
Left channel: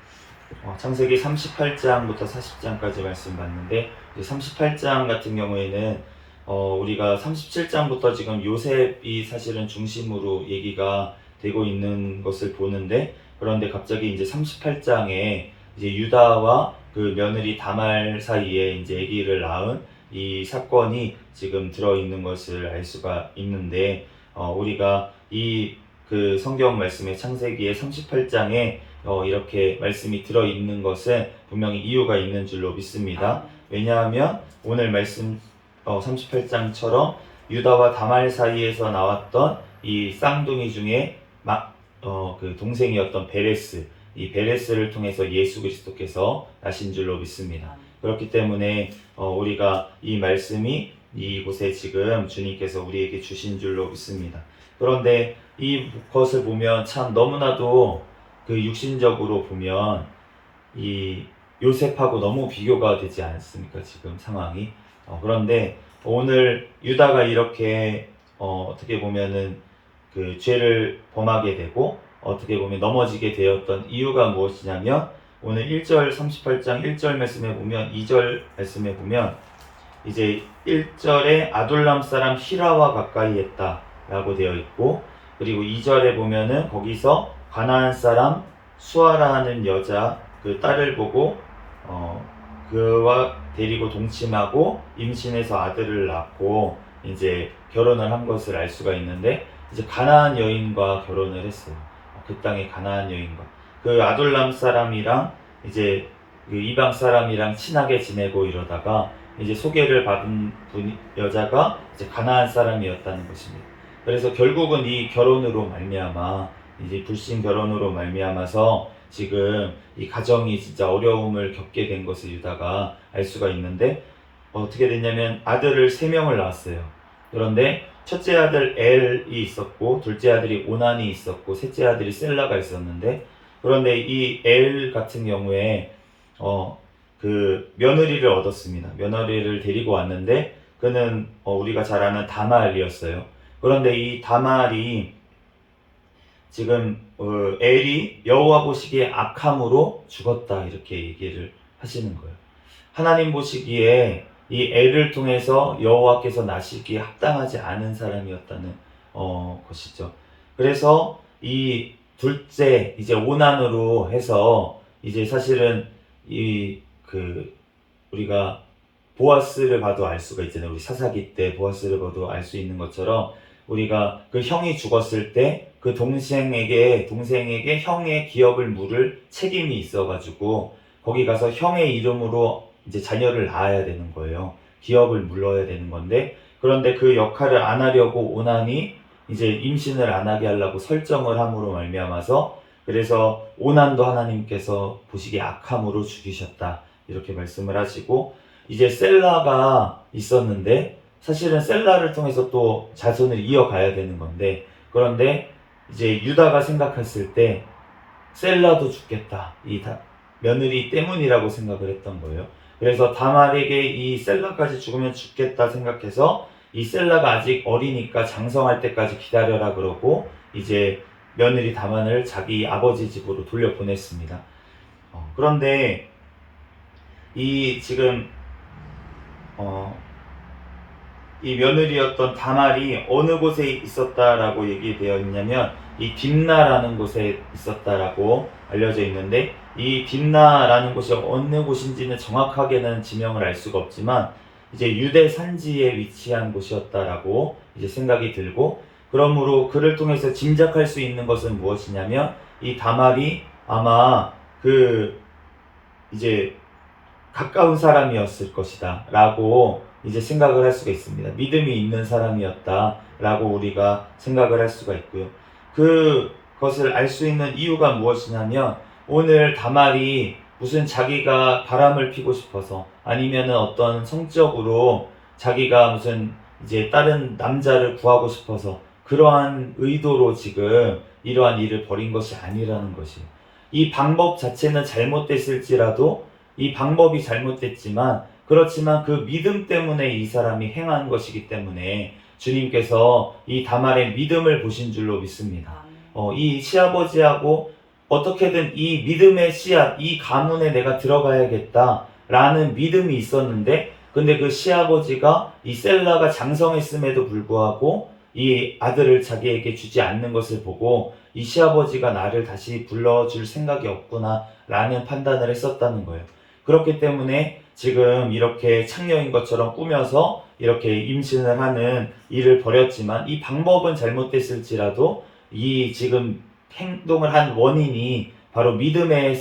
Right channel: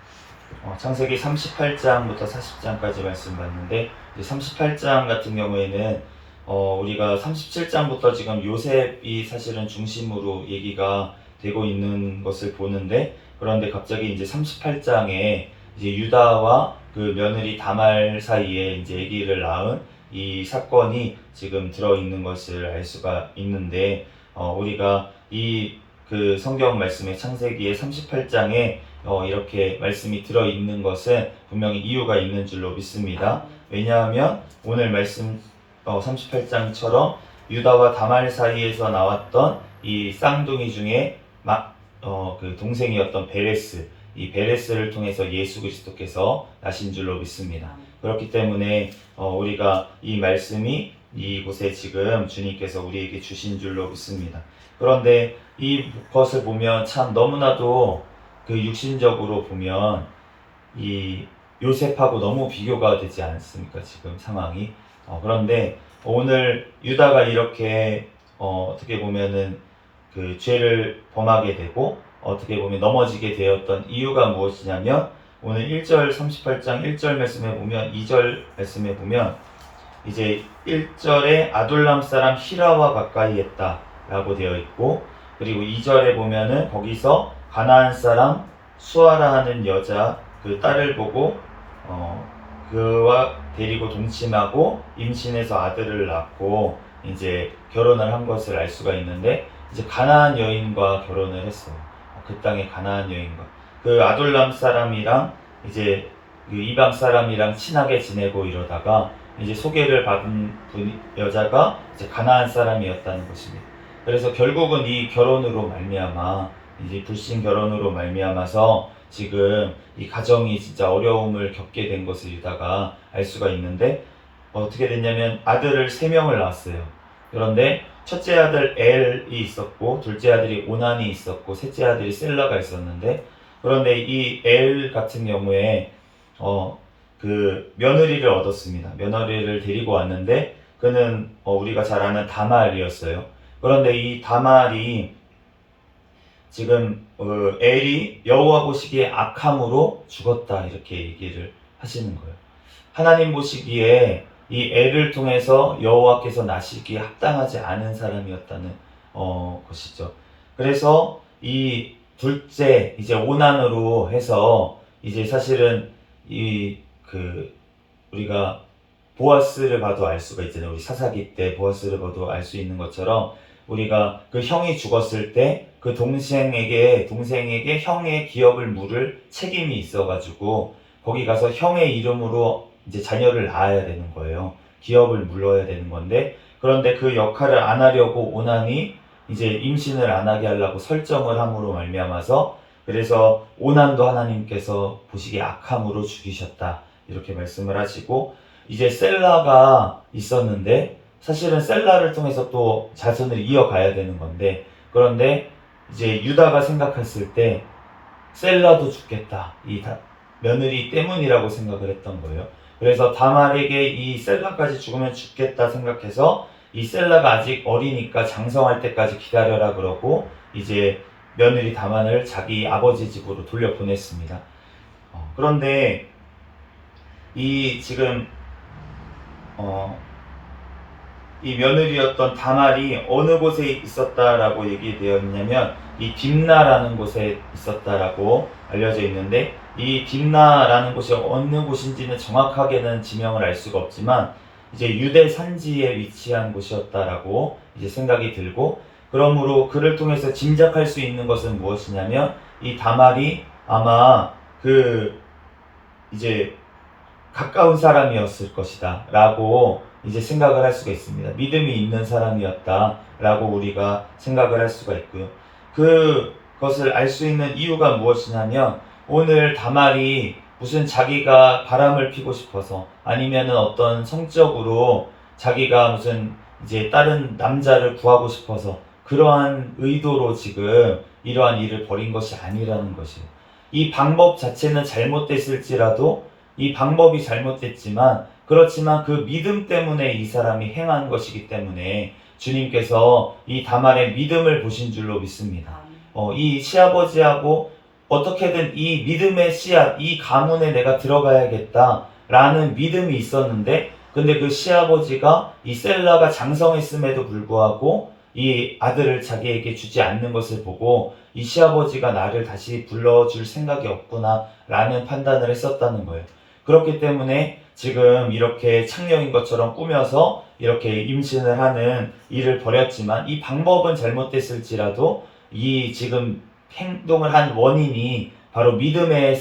창세기 38장부터 40장까지 말씀 봤는데 38장 같은 경우에는 우리가 37장부터 지금 요셉이 사실은 중심으로 얘기가 되고 있는 것을 보는데, 그런데 갑자기 이제 38장에 이제 유다와 그 며느리 다말 사이에 이제 아기를 낳은 이 사건이 지금 들어 있는 것을 알 수가 있는데, 우리가 이 그 성경 말씀의 창세기의 38장에 이렇게 말씀이 들어 있는 것은 분명히 이유가 있는 줄로 믿습니다. 왜냐하면 오늘 말씀 38장처럼 유다와 다말 사이에서 나왔던 이 쌍둥이 중에 그 동생이었던 베레스, 이 베레스를 통해서 예수 그리스도께서 나신 줄로 믿습니다. 그렇기 때문에 우리가 이 말씀이 이곳에 지금 주님께서 우리에게 주신 줄로 믿습니다. 그런데 이것을 보면 참 너무나도 그 육신적으로 보면 이 요셉하고 너무 비교가 되지 않습니까? 지금 상황이. 그런데 오늘 유다가 이렇게 어떻게 보면은 그 죄를 범하게 되고 어떻게 보면 넘어지게 되었던 이유가 무엇이냐면, 오늘 1절 38장 1절 말씀에 보면, 2절 말씀에 보면 이제 1절에 아둘람 사람 히라와 가까이 했다 라고 되어 있고, 그리고 2절에 보면은 거기서 가나안 사람 수아라 하는 여자 그 딸을 보고 그와 데리고 동침하고 임신해서 아들을 낳고 이제 결혼을 한 것을 알 수가 있는데, 이제 가나안 여인과 결혼을 했어요. 그 땅의 가나안 여인과 그 아둘람 사람이랑 이제 그 이방 사람이랑 친하게 지내고 이러다가 이제 소개를 받은 여자가 이제 가나안 사람이었다는 것입니다. 그래서 결국은 이 결혼으로 말미암아, 이제 불신 결혼으로 말미암아서 지금 이 가정이 진짜 어려움을 겪게 된 것을 유다가 알 수가 있는데, 어떻게 됐냐면 아들을 3명을 낳았어요. 그런데 첫째 아들 엘이 있었고, 둘째 아들이 오난이 있었고, 셋째 아들이 셀라가 있었는데, 그런데 이 엘 같은 경우에 그 며느리를 얻었습니다. 며느리를 데리고 왔는데 그는 우리가 잘 아는 다말이었어요. 그런데 이 다말이 지금 엘이 여호와 보시기에 악함으로 죽었다 이렇게 얘기를 하시는 거예요. 하나님 보시기에 이 엘을 통해서 여호와께서 나시기에 합당하지 않은 사람이었다는 것이죠. 그래서 이 둘째 이제 오난으로 해서 이제 사실은 우리가 보아스를 봐도 알 수가 있잖아요. 우리 사사기 때 보아스를 봐도 알 수 있는 것처럼, 우리가 그 형이 죽었을 때 그 동생에게 형의 기업을 물을 책임이 있어가지고 거기 가서 형의 이름으로 이제 자녀를 낳아야 되는 거예요. 기업을 물어야 되는 건데, 그런데 그 역할을 안 하려고 오난이 이제 임신을 안 하게 하려고 설정을 함으로 말미암아서, 그래서 오난도 하나님께서 보시기에 악함으로 죽이셨다 이렇게 말씀을 하시고, 이제 셀라가 있었는데 사실은 셀라를 통해서 또 자손을 이어가야 되는 건데, 그런데 이제 유다가 생각했을 때 셀라도 죽겠다, 이 며느리 때문이라고 생각을 했던 거예요. 그래서 다말에게 이 셀라까지 죽으면 죽겠다 생각해서 이 셀라가 아직 어리니까 장성할 때까지 기다려라 그러고 이제 며느리 다말을 자기 아버지 집으로 돌려보냈습니다. 그런데 이 지금 이 며느리였던 다말이 어느 곳에 있었다라고 얘기되어 있냐면 이 딥나라는 곳에 있었다라고 알려져 있는데, 이 딥나라는 곳이 어느 곳인지는 정확하게는 지명을 알 수가 없지만 이제 유대 산지에 위치한 곳이었다라고 이제 생각이 들고, 그러므로 그를 통해서 짐작할 수 있는 것은 무엇이냐면 이 다말이 아마 그 이제 가까운 사람이었을 것이다 라고 이제 생각을 할 수가 있습니다. 믿음이 있는 사람이었다 라고 우리가 생각을 할 수가 있고요. 그것을 알 수 있는 이유가 무엇이냐면, 오늘 다말이 무슨 자기가 바람을 피고 싶어서 아니면은 어떤 성적으로 자기가 무슨 이제 다른 남자를 구하고 싶어서 그러한 의도로 지금 이러한 일을 벌인 것이 아니라는 것이에요. 이 방법 자체는 잘못됐을지라도, 이 방법이 잘못됐지만 그렇지만 그 믿음 때문에 이 사람이 행한 것이기 때문에 주님께서 이 다말의 믿음을 보신 줄로 믿습니다. 이 시아버지하고 어떻게든 이 믿음의 씨앗, 이 가문에 내가 들어가야겠다 라는 믿음이 있었는데, 근데 그 시아버지가 이 셀라가 장성했음에도 불구하고 이 아들을 자기에게 주지 않는 것을 보고 이 시아버지가 나를 다시 불러줄 생각이 없구나 라는 판단을 했었다는 거예요. 그렇기 때문에 지금 이렇게 창녀인 것처럼 꾸며서 이렇게 임신을 하는 일을 벌였지만 이 방법은 잘못됐을지라도 이 지금 행동을 한 원인이 바로 믿음의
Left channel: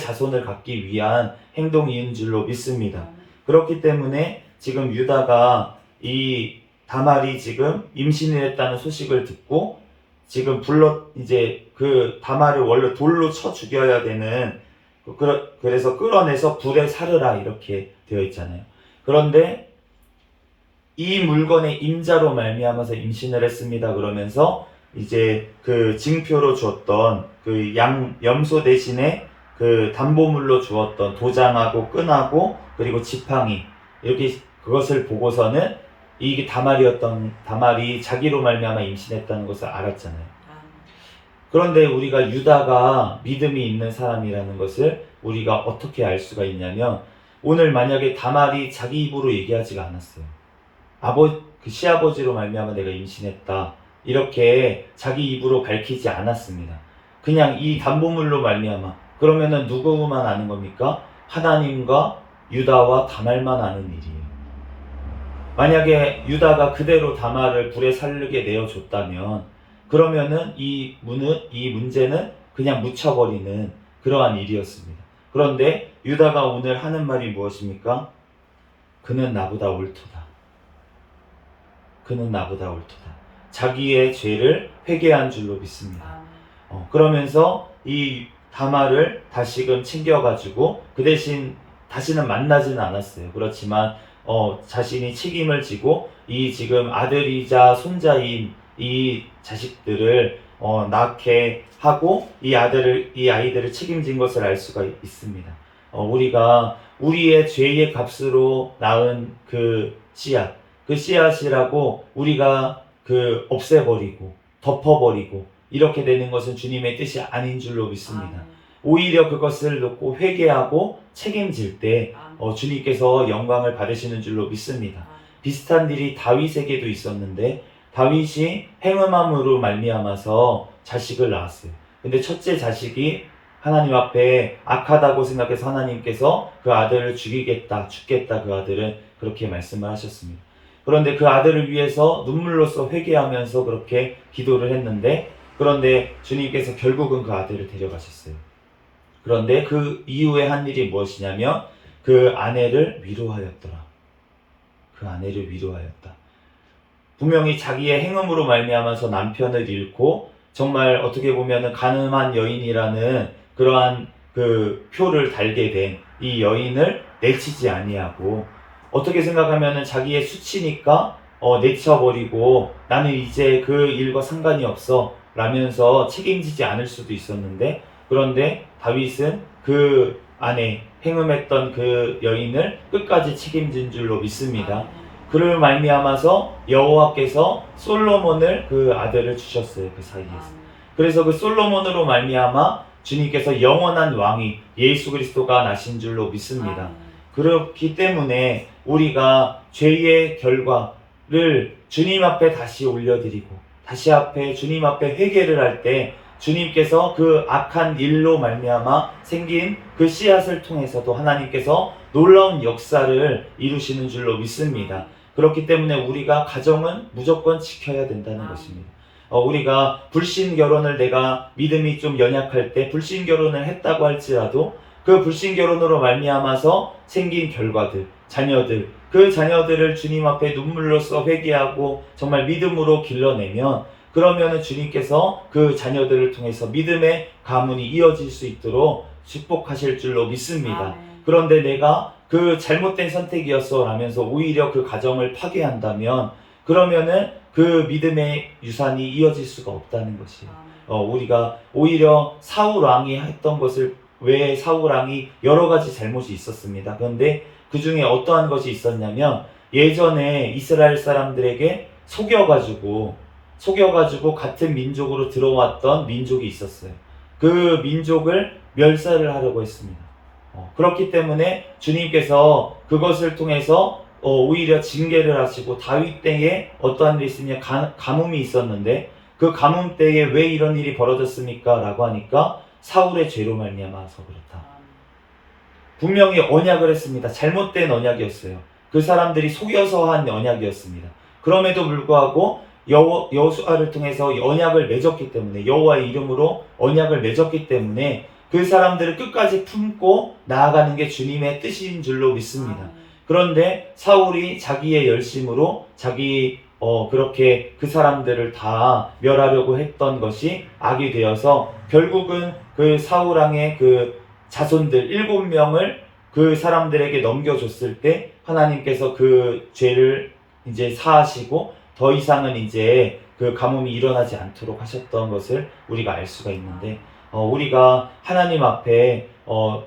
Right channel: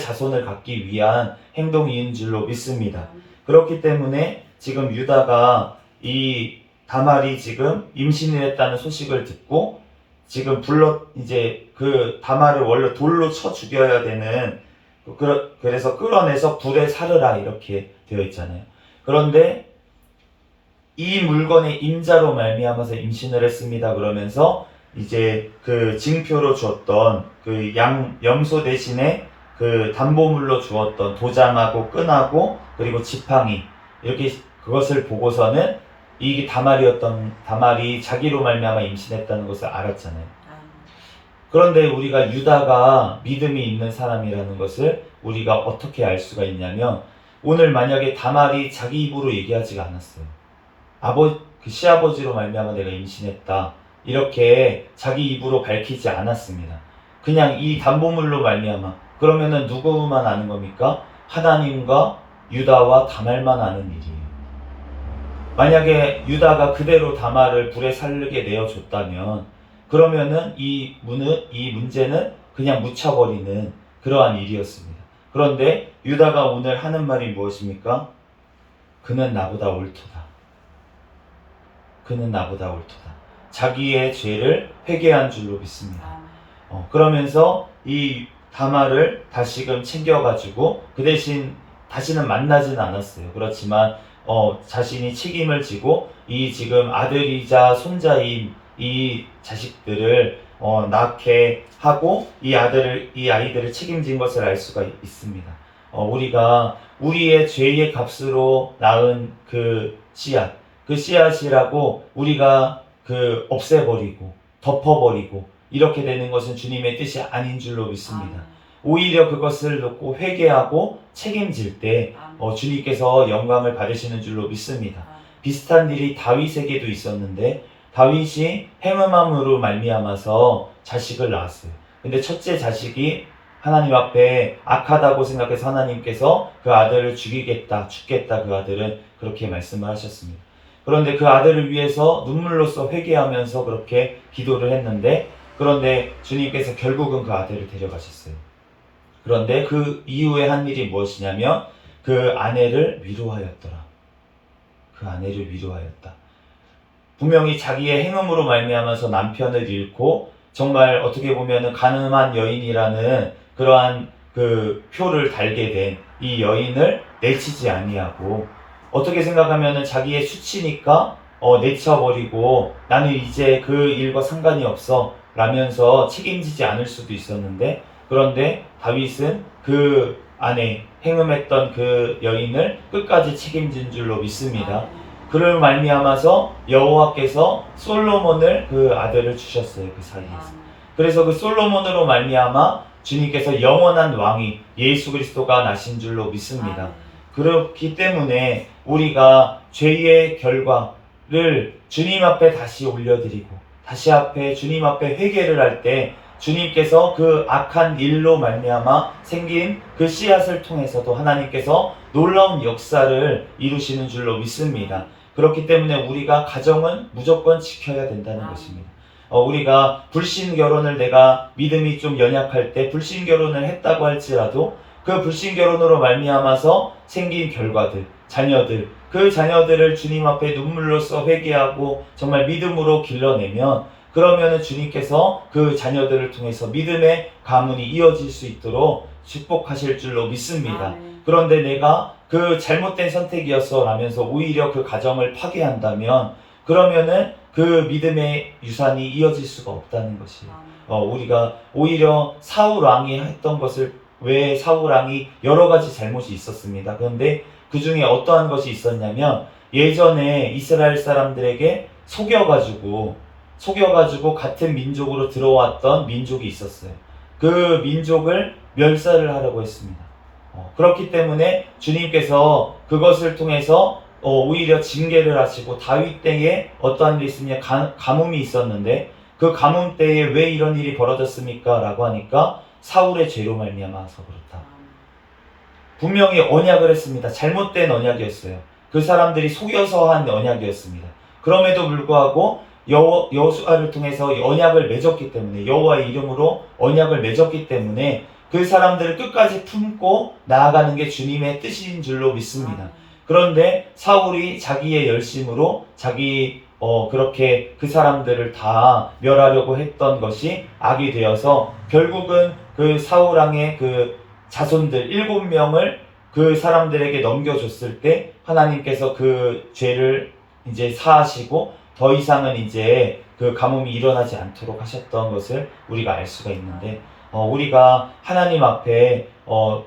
자손을 갖기 위한 행동인 줄로 믿습니다. 그렇기 때문에 지금 유다가 이 다말이 지금 임신을 했다는 소식을 듣고 지금 이제 그 다말을 원래 돌로 쳐 죽여야 되는, 그래서 끌어내서 불에 사르라 이렇게 되어 있잖아요. 그런데 이 물건의 임자로 말미암아서 임신을 했습니다. 그러면서 이제 그 징표로 주었던 그 염소 대신에 그 담보물로 주었던 도장하고 끈하고 그리고 지팡이, 이렇게 그것을 보고서는 이게 다말이 자기로 말미암아 임신했다는 것을 알았잖아요. 그런데 우리가 유다가 믿음이 있는 사람이라는 것을 우리가 어떻게 알 수가 있냐면, 오늘 만약에 다말이 자기 입으로 얘기하지가 않았어요. 그 시아버지로 말미암아 내가 임신했다 이렇게 자기 입으로 밝히지 않았습니다. 그냥 이 담보물로 말미암아. 그러면은 누구만 아는 겁니까? 하나님과 유다와 다말만 아는 일이에요. 만약에 유다가 그대로 다말을 불에 살르게 내어줬다면 그러면은 이 문제는 그냥 묻혀버리는 그러한 일이었습니다. 그런데 유다가 오늘 하는 말이 무엇입니까? 그는 나보다 옳도다. 그는 나보다 옳도다. 자기의 죄를 회개한 줄로 믿습니다. 그러면서 이 다말을 다시금 챙겨가지고 그 대신 다시는 만나지는 않았어요. 그렇지만 자신이 책임을 지고 이 지금 아들이자 손자인 이 자식들을 낳게 하고 이 아이들을 책임진 것을 알 수가 있습니다. 우리가 우리의 죄의 값으로 낳은 그 씨앗이라고 우리가 없애버리고 덮어버리고 이렇게 되는 것은 주님의 뜻이 아닌 줄로 믿습니다. 오히려 그것을 놓고 회개하고 책임질 때 주님께서 영광을 받으시는 줄로 믿습니다. 비슷한 일이 다윗에게도 있었는데, 다윗이 행음함으로 말미암아서 자식을 낳았어요. 근데 첫째 자식이 하나님 앞에 악하다고 생각해서 하나님께서 그 아들을 죽겠다 그 아들은 그렇게 말씀을 하셨습니다. 그런데 그 아들을 위해서 눈물로써 회개하면서 그렇게 기도를 했는데, 그런데 주님께서 결국은 그 아들을 데려가셨어요. 그런데 그 이후에 한 일이 무엇이냐면 그 아내를 위로하였더라. 그 아내를 위로하였다. 분명히 자기의 행음으로 말미암아서 남편을 잃고 정말 어떻게 보면 가늠한 여인이라는 그러한 그 표를 달게 된 이 여인을 내치지 아니하고, 어떻게 생각하면 자기의 수치니까 내쳐버리고 나는 이제 그 일과 상관이 없어 라면서 책임지지 않을 수도 있었는데, 그런데 다윗은 그 아내 행음했던 그 여인을 끝까지 책임진 줄로 믿습니다. 그를 말미암아서 여호와께서 솔로몬을 그 아들을 주셨어요. 그 사이에서. 그래서 그 솔로몬으로 말미암아 주님께서 영원한 왕이 예수 그리스도가 나신 줄로 믿습니다. 그렇기 때문에 우리가 죄의 결과를 주님 앞에 다시 올려드리고 다시 주님 앞에 회개를 할 때 주님께서 그 악한 일로 말미암아 생긴 그 씨앗을 통해서도 하나님께서 놀라운 역사를 이루시는 줄로 믿습니다. 그렇기 때문에 우리가 가정은 무조건 지켜야 된다는 것입니다. 우리가 불신 결혼을, 내가 믿음이 좀 연약할 때 불신 결혼을 했다고 할지라도 그 불신 결혼으로 말미암아서 생긴 결과들, 자녀들, 그 자녀들을 주님 앞에 눈물로써 회개하고 정말 믿음으로 길러내면, 그러면은 주님께서 그 자녀들을 통해서 믿음의 가문이 이어질 수 있도록 축복하실 줄로 믿습니다. 그런데 내가 그 잘못된 선택이었어 라면서 오히려 그 가정을 파괴한다면 그러면은 그 믿음의 유산이 이어질 수가 없다는 것이에요. 우리가 오히려 사울 왕이 했던 것을, 왜 사울 왕이 여러 가지 잘못이 있었습니다. 그런데 그 중에 어떠한 것이 있었냐면, 예전에 이스라엘 사람들에게 속여가지고 같은 민족으로 들어왔던 민족이 있었어요. 그 민족을 멸살을 하려고 했습니다. 그렇기 때문에 주님께서 그것을 통해서 오히려 징계를 하시고 다윗 때에 어떠한 일이 있으냐 가뭄이 있었는데 그 가뭄 때에 왜 이런 일이 벌어졌습니까? 라고 하니까 사울의 죄로 말미암아서 그렇다. 분명히 언약을 했습니다. 잘못된 언약이었어요. 그 사람들이 속여서 한 언약이었습니다. 그럼에도 불구하고 여호수아를 통해서 언약을 맺었기 때문에 여호와의 이름으로 언약을 맺었기 때문에 그 사람들을 끝까지 품고 나아가는 게 주님의 뜻인 줄로 믿습니다. 그런데 사울이 자기의 열심으로 그렇게 그 사람들을 다 멸하려고 했던 것이 악이 되어서 결국은 그 사울 왕의 그 자손들 7명을 그 사람들에게 넘겨줬을 때 하나님께서 그 죄를 이제 사하시고 더 이상은 이제 그 가뭄이 일어나지 않도록 하셨던 것을 우리가 알 수가 있는데 우리가 하나님 앞에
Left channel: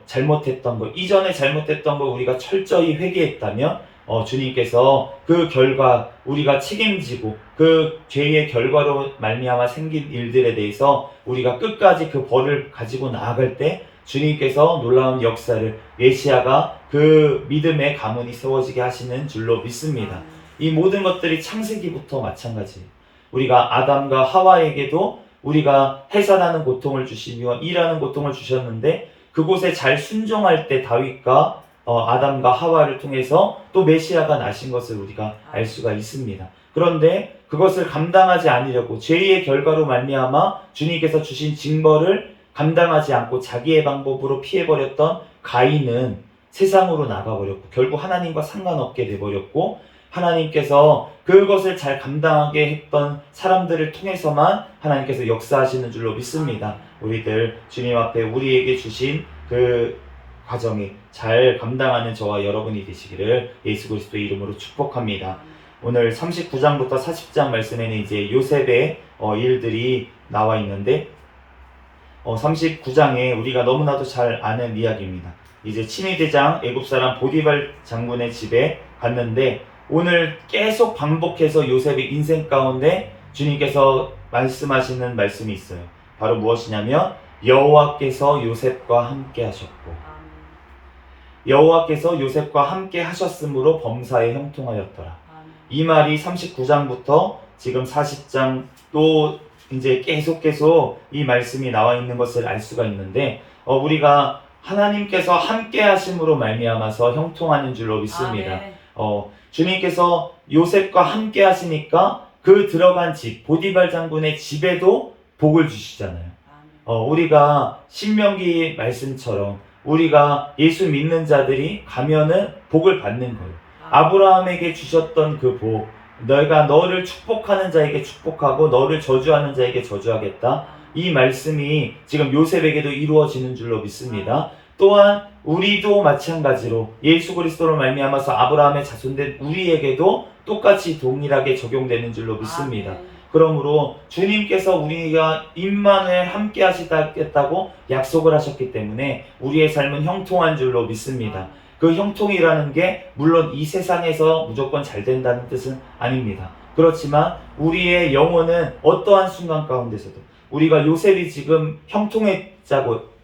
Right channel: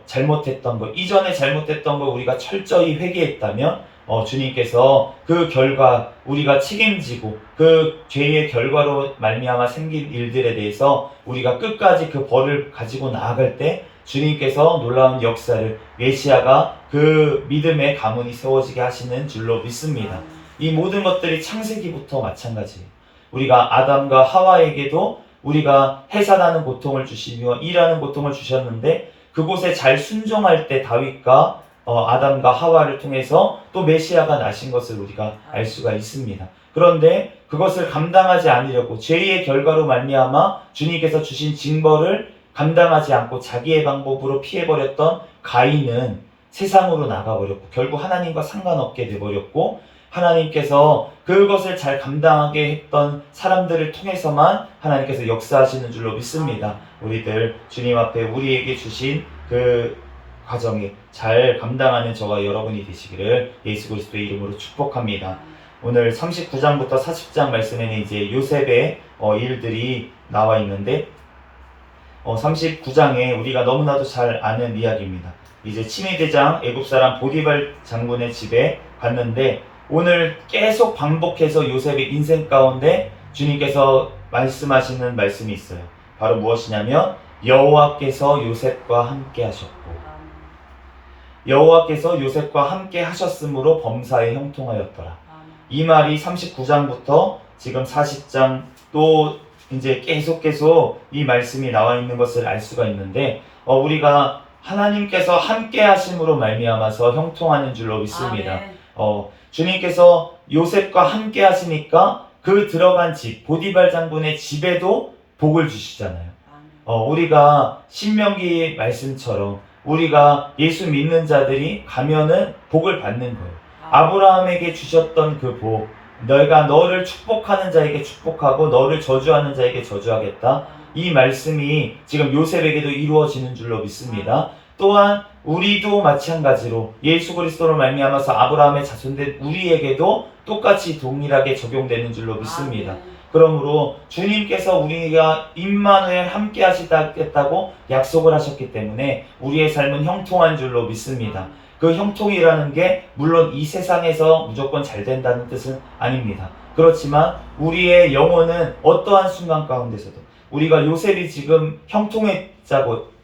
잘못했던 것, 이전에 잘못했던 거 우리가 철저히 회개했다면 주님께서 그 결과 우리가 책임지고 그 죄의 결과로 말미암아 생긴 일들에 대해서 우리가 끝까지 그 벌을 가지고 나아갈 때 주님께서 놀라운 역사를 메시아가 그 믿음의 가문이 세워지게 하시는 줄로 믿습니다. 이 모든 것들이 창세기부터 마찬가지예요. 우리가 아담과 하와에게도 우리가 해산하는 고통을 주시며 일하는 고통을 주셨는데 그곳에 잘 순종할 때 다윗과 아담과 하와를 통해서 또 메시아가 나신 것을 우리가 알 수가 있습니다. 그런데 그것을 감당하지 않으려고 죄의 결과로 말미암아 주님께서 주신 징벌을 감당하지 않고 자기의 방법으로 피해버렸던 가인은 세상으로 나가버렸고 결국 하나님과 상관없게 돼버렸고 하나님께서 그것을 잘 감당하게 했던 사람들을 통해서만 하나님께서 역사하시는 줄로 믿습니다. 우리들 주님 앞에 우리에게 주신 그 과정에 잘 감당하는 저와 여러분이 되시기를 예수 그리스도의 이름으로 축복합니다. 오늘 39장부터 40장 말씀에는 이제 요셉의 일들이 나와 있는데 39장에 우리가 너무나도 잘 아는 이야기입니다. 이제 친위대장 애굽사람 보디발 장군의 집에 갔는데 오늘 계속 반복해서 요셉의 인생 가운데 주님께서 말씀하시는 말씀이 있어요. 바로 무엇이냐면 여호와께서 요셉과 함께 하셨고 여호와께서 요셉과 함께 하셨으므로 범사에 형통하였더라. 이 말이 39장부터 지금 40장 또 이제 계속 이 말씀이 나와 있는 것을 알 수가 있는데 우리가 하나님께서 함께 하심으로 말미암아서 형통하는 줄로 믿습니다. 주님께서 요셉과 함께 하시니까 그 들어간 집 보디발 장군의 집에도 복을 주시잖아요. 우리가 신명기 말씀처럼 우리가 예수 믿는 자들이 가면은 복을 받는 거예요. 아브라함에게 주셨던 그 복, 내가 너를 축복하는 자에게 축복하고 너를 저주하는 자에게 저주하겠다. 이 말씀이 지금 요셉에게도 이루어지는 줄로 믿습니다. 또한 우리도 마찬가지로 예수 그리스도로 말미암아서 아브라함의 자손된 우리에게도 똑같이 동일하게 적용되는 줄로 믿습니다. 그러므로 주님께서 우리가 임마누엘 함께 하시겠다고 약속을 하셨기 때문에 우리의 삶은 형통한 줄로 믿습니다. 그 형통이라는 게 물론 이 세상에서 무조건 잘 된다는 뜻은 아닙니다. 그렇지만 우리의 영혼은 어떠한 순간 가운데서도 우리가 요셉이 지금 형통했잖아요.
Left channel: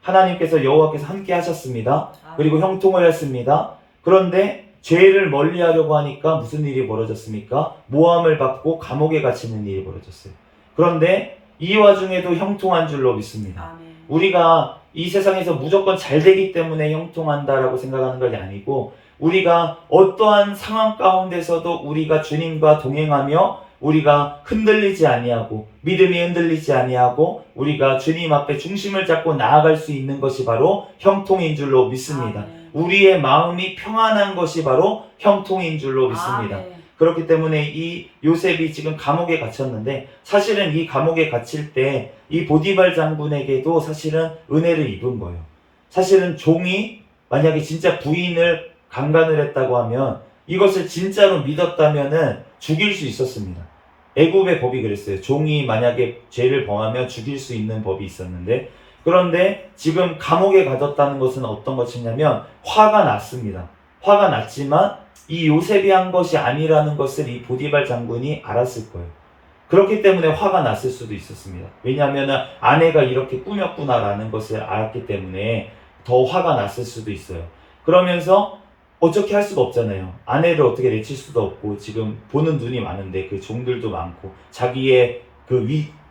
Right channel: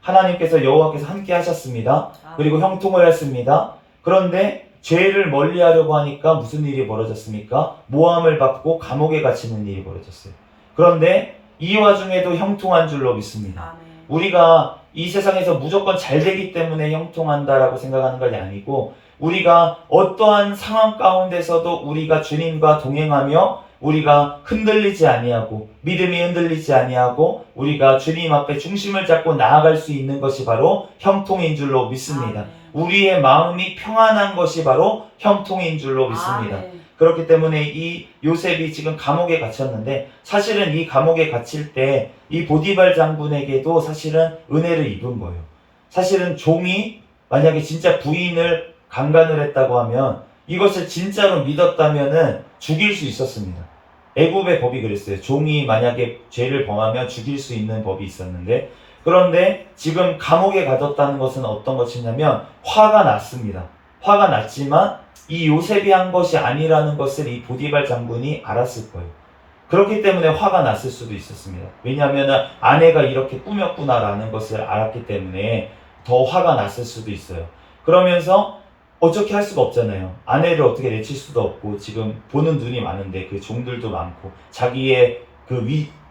하나님께서 여호와께서 함께 하셨습니다. 그리고 형통을 했습니다. 그런데 죄를 멀리하려고 하니까 무슨 일이 벌어졌습니까? 모함을 받고 감옥에 갇히는 일이 벌어졌어요. 그런데 이 와중에도 형통한 줄로 믿습니다. 우리가 이 세상에서 무조건 잘 되기 때문에 형통한다라고 생각하는 것이 아니고 우리가 어떠한 상황 가운데서도 우리가 주님과 동행하며 우리가 흔들리지 아니하고 믿음이 흔들리지 아니하고 우리가 주님 앞에 중심을 잡고 나아갈 수 있는 것이 바로 형통인 줄로 믿습니다. 우리의 마음이 평안한 것이 바로 형통인 줄로 믿습니다. 그렇기 때문에 이 요셉이 지금 감옥에 갇혔는데 사실은 이 감옥에 갇힐 때 이 보디발 장군에게도 사실은 은혜를 입은 거예요. 사실은 종이 만약에 진짜 부인을 강간을 했다고 하면 이것을 진짜로 믿었다면은 죽일 수 있었습니다. 애굽의 법이 그랬어요. 종이 만약에 죄를 범하면 죽일 수 있는 법이 있었는데 그런데 지금 감옥에 가뒀다는 것은 어떤 것이냐면 화가 났습니다. 화가 났지만 이 요셉이 한 것이 아니라는 것을 이 보디발 장군이 알았을 거예요. 그렇기 때문에 화가 났을 수도 있었습니다. 왜냐하면 아내가 이렇게 꾸몄구나라는 것을 알았기 때문에 더 화가 났을 수도 있어요. 그러면서 어떻게 할 수가 없잖아요. 아내를 어떻게 내칠 수도 없고 지금 보는 눈이 많은데 그 종들도 많고 자기의 그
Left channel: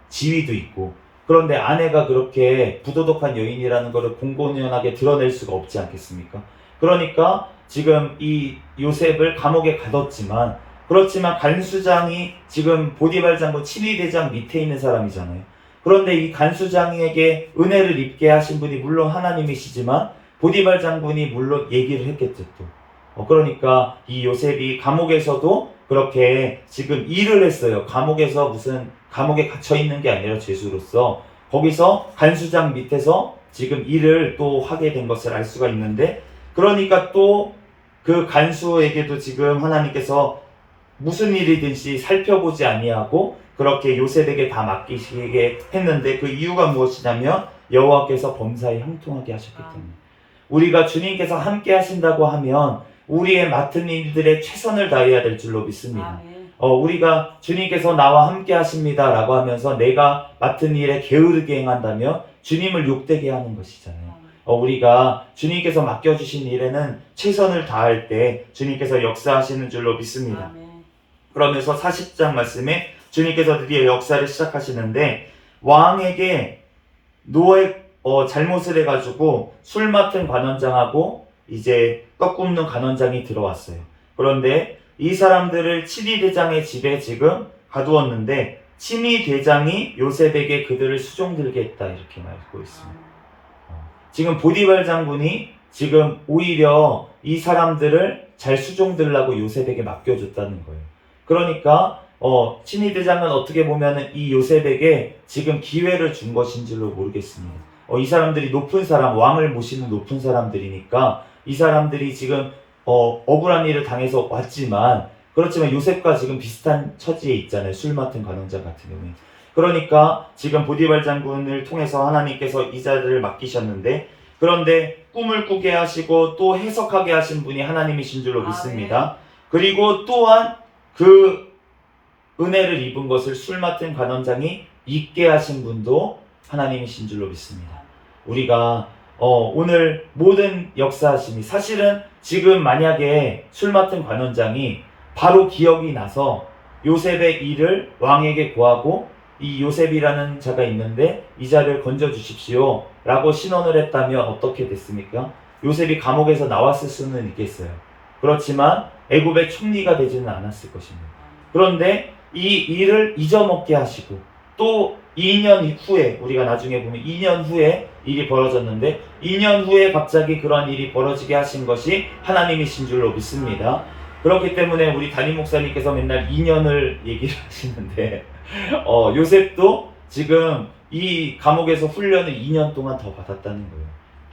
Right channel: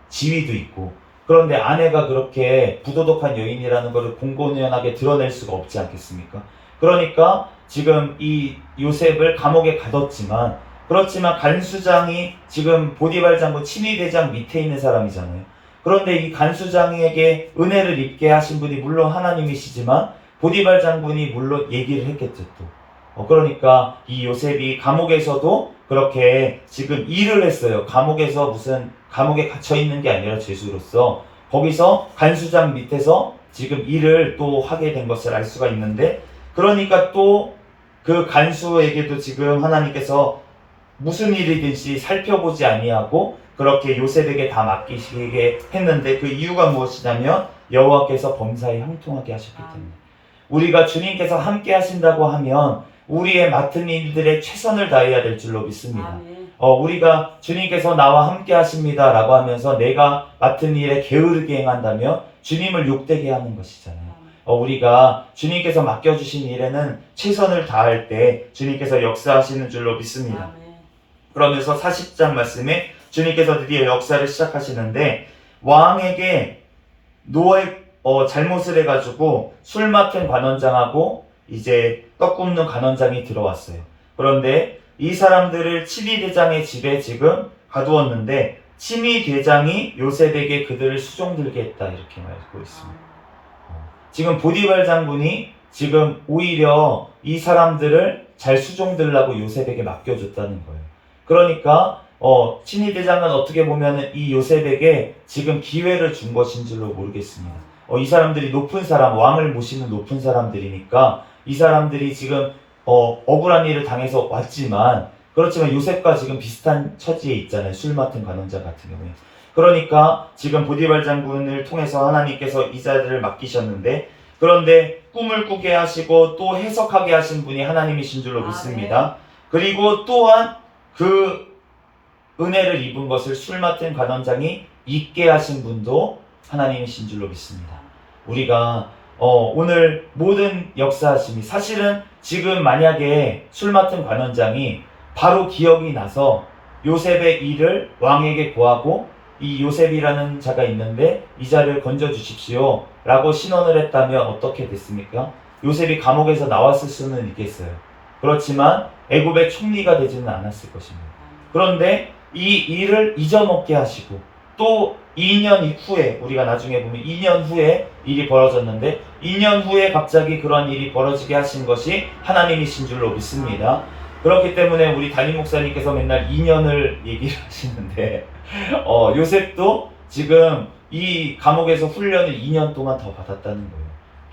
지위도 있고 그런데 아내가 그렇게 부도덕한 여인이라는 것을 공공연하게 드러낼 수가 없지 않겠습니까? 그러니까 지금 이 요셉을 감옥에 가뒀지만 그렇지만 간수장이 지금 보디발 장군 친위대장 밑에 있는 사람이잖아요. 그런데 이 간수장에게 은혜를 입게 하신 분이 물론 하나님이시지만 보디발 장군이 물론 얘기를 했겠죠 또. 그러니까 이 요셉이 감옥에서도 그렇게 지금 일을 했어요. 감옥에서 무슨 감옥에 갇혀 있는 게 아니라 죄수로서 거기서 간수장 밑에서 지금 일을 또 하게 된 것을 알 수가 있는데 그러니까 또 그 간수에게도 지금 하나님께서 무슨 일이든지 살펴보지 아니하고 그렇게 요셉에게 다 맡기시게 했는데 그 이유가 무엇이냐면 여호와께서 범사에 형통하게 하셨기 때문에 우리가 주님께서 함께 하신다고 하면 우리의 맡은 일들에 최선을 다해야 될 줄로 믿습니다. 우리가 주님께서 나와 함께 하십니다 라고 하면서 내가 맡은 일에 게으르게 행한다면 주님을 욕되게 하는 것이잖아요. 우리가 주님께서 맡겨주신 일에는 최선을 다할 때 주님께서 역사하시는 줄로 믿습니다. 그러면서 40장 말씀에 주님께서 드디어 역사를 시작하시는데 왕에게 노예 잘못을 해가지고 술 맡은 관원장하고 이제 떡 굽는 관원장이 들어왔어요. 그런데 이 사람들을 친위대장의 집에 지금 가두었는데 친위대장이 요셉에게 그들을 수종들게 했다 이렇게 말하고 있습니다. 지금 보디발 장군이 지금 오히려 이 사람들을 잘 수종들라고 요셉에게 맡겨줬다는 거예요. 그러니까 친위대장은 어떻게 보면 이 요셉에게 지금 기회를 준 것인 줄로 모르겠습니다. 이 사람들이 높은 사람, 왕을 모시는 높은 사람들이니까 이 사람들이 지금 억울한 일을 당해서 왔지만 그렇지만 요셉과 지금 비슷한 처지에 있잖아요. 술 맡은 관원장 같은 경우에. 그러니까 지금 보디발 장군을 통해서 하나님께서 이 자리를 맡기셨는데 그런데 꿈을 꾸게 하시고 또 해석하게 하신 분이 하나님이신 줄로 믿습니다. 그리고 또한 그 은혜를 입은 것을 술 맡은 관원장이 잊게 하신 분도 하나님이신 줄로 믿습니다. 우리가 오늘 모든 역사하심이 사실은 지금 만약에 술 맡은 관원장이 바로 기억이 나서 요셉의 일을 왕에게 고하고 이 요셉이라는 자가 있는데 이 자를 건져 주십시오 라고 신원을 했다면 어떻게 됐습니까? 요셉이 감옥에서 나왔을 수는 있겠어요. 그렇지만 애굽의 총리가 되지는 않았을 것입니다. 그런데 이 일을 잊어먹게 하시고 또 2년 후에 우리가 나중에 보면 2년 후에 일이 벌어졌는데 2년 후에 갑자기 그런 일이 벌어지게 하신 것이 하나님이신 줄로 믿습니다. 그렇기 때문에 우리 담임 목사님께서 맨날 2년을 얘기를 하시는데 요셉도 지금 이 감옥에서 훈련을 2년 동안 더 받았다는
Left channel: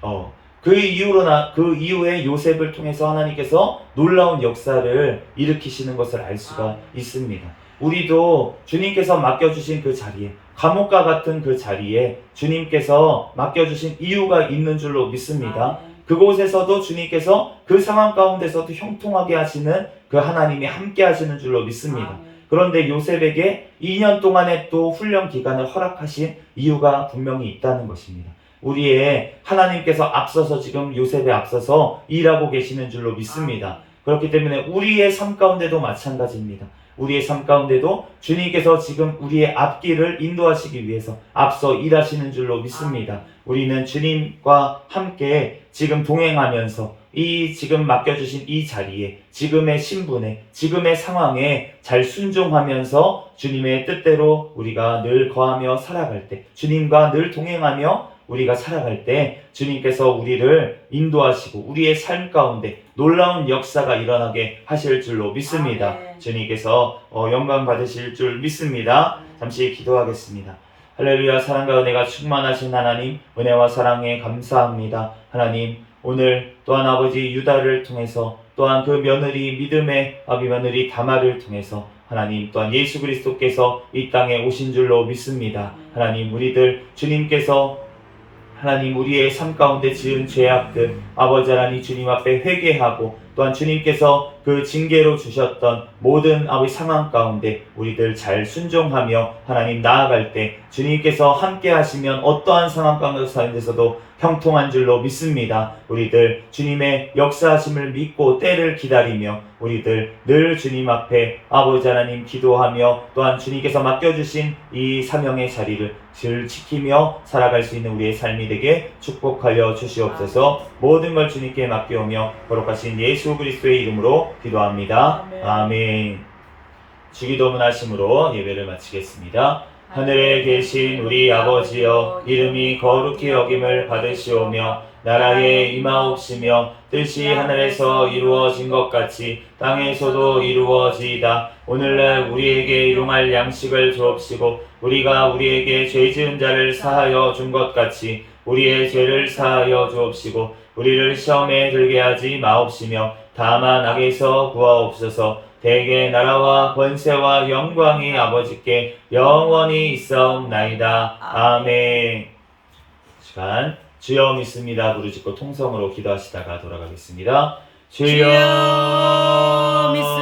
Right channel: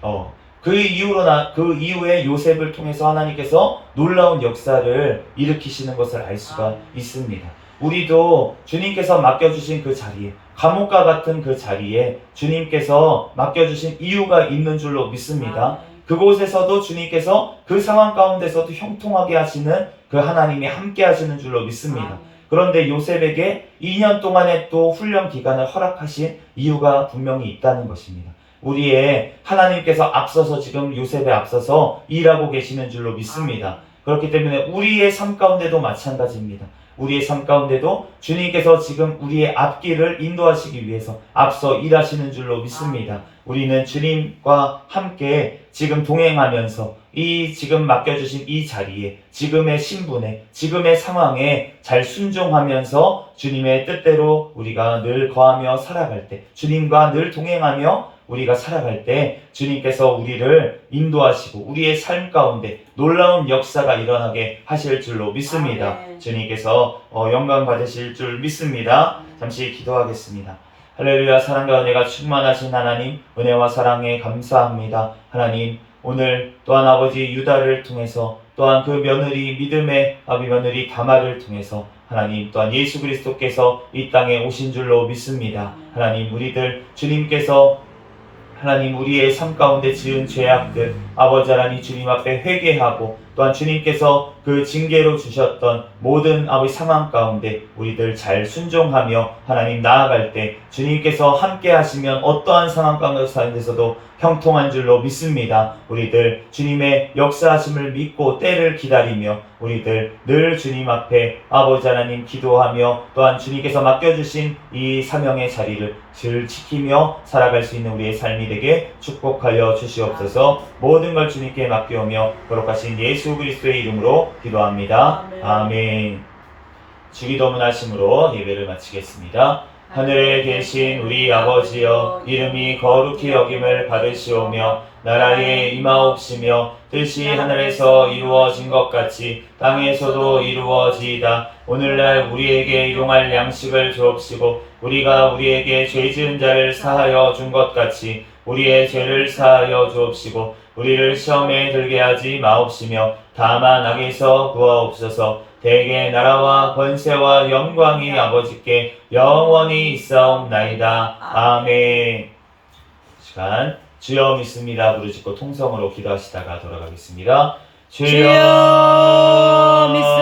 거예요. 그 이후에 요셉을 통해서 하나님께서 놀라운 역사를 일으키시는 것을 알 수가 있습니다. 우리도 주님께서 맡겨주신 그 자리에 감옥과 같은 그 자리에 주님께서 맡겨주신 이유가 있는 줄로 믿습니다. 그곳에서도 주님께서 그 상황 가운데서도 형통하게 하시는 그 하나님이 함께 하시는 줄로 믿습니다. 그런데 요셉에게 2년 동안의 또 훈련 기간을 허락하신 이유가 분명히 있다는 것입니다. 우리의 하나님께서 앞서서 지금 요셉에 앞서서 일하고 계시는 줄로 믿습니다. 그렇기 때문에 우리의 삶 가운데도 마찬가지입니다. 우리의 삶 가운데도 주님께서 지금 우리의 앞길을 인도하시기 위해서 앞서 일하시는 줄로 믿습니다. 우리는 주님과 함께 지금 동행하면서 이 지금 맡겨주신 이 자리에 지금의 신분에 지금의 상황에 잘 순종하면서 주님의 뜻대로 우리가 늘 거하며 살아갈 때 주님과 늘 동행하며 우리가 살아갈 때 주님께서 우리를 인도하시고 우리의 삶 가운데 놀라운 역사가 일어나게 하실 줄로 믿습니다. 주님께서 영광 받으실 줄 믿습니다. 잠시 기도하겠습니다. 할렐루야. 사랑과 은혜가 충만하신 하나님, 은혜와 사랑에 감사합니다. 하나님, 오늘 또한 아버지 유다를 통해서 또한 그 며느리 믿음의 며느리 다말을 통해서 하나님 또한 예수 그리스도께서 이 땅에 오신 줄로 믿습니다. 하나님, 우리들 주님께서 하나님 우리의 삶 가운데 지은 죄악들 아버지 하나님 주님 앞에 회개하고 또한 주님께서 그 징계로 주셨던 모든 아버지 상황 가운데 우리들 잘 순종하며 하나님 나아갈 때 주님께서 함께 하시면 어떠한 상황 가운데서도 형통한 줄로 믿습니다. 우리들 주님의 역사하심을 믿고 때를 기다리며 우리들 늘 주님 앞에 아버지 하나님 기도하며 또한 주님께서 맡겨주신 이 사명의 자리를 늘 지키며 살아갈 수 있는 우리의 삶이 되게 축복하여 주시옵소서. 모든 걸 주님께 맡겨오며 거룩하신 예수 그리스도의 이름으로 기도합니다. 아멘. 주기도문 하심으로 예배를 마치겠습니다. 하늘에 계신 우리 아버지여, 이름이 거룩히 여김을 받으시오며 나라에 임하옵시며 뜻이 하늘에서 이루어진 것 같이 땅에서도 이루어지이다. 오늘날 우리에게 일용할 양식을 주옵시고 우리가 우리에게 죄 지은 자를 사하여 준 것 같이 우리의 죄를 사하여 주옵시고 우리를 시험에 들게 하지 마옵시며 다만 악에서 구하옵소서. 대개 나라와 권세와 영광이 아버지께 영원히 있사옵나이다. 아멘. 시간 주여 믿습니다 부르짖고 통성으로 기도하시다가 돌아가겠습니다. 주여 믿습니다.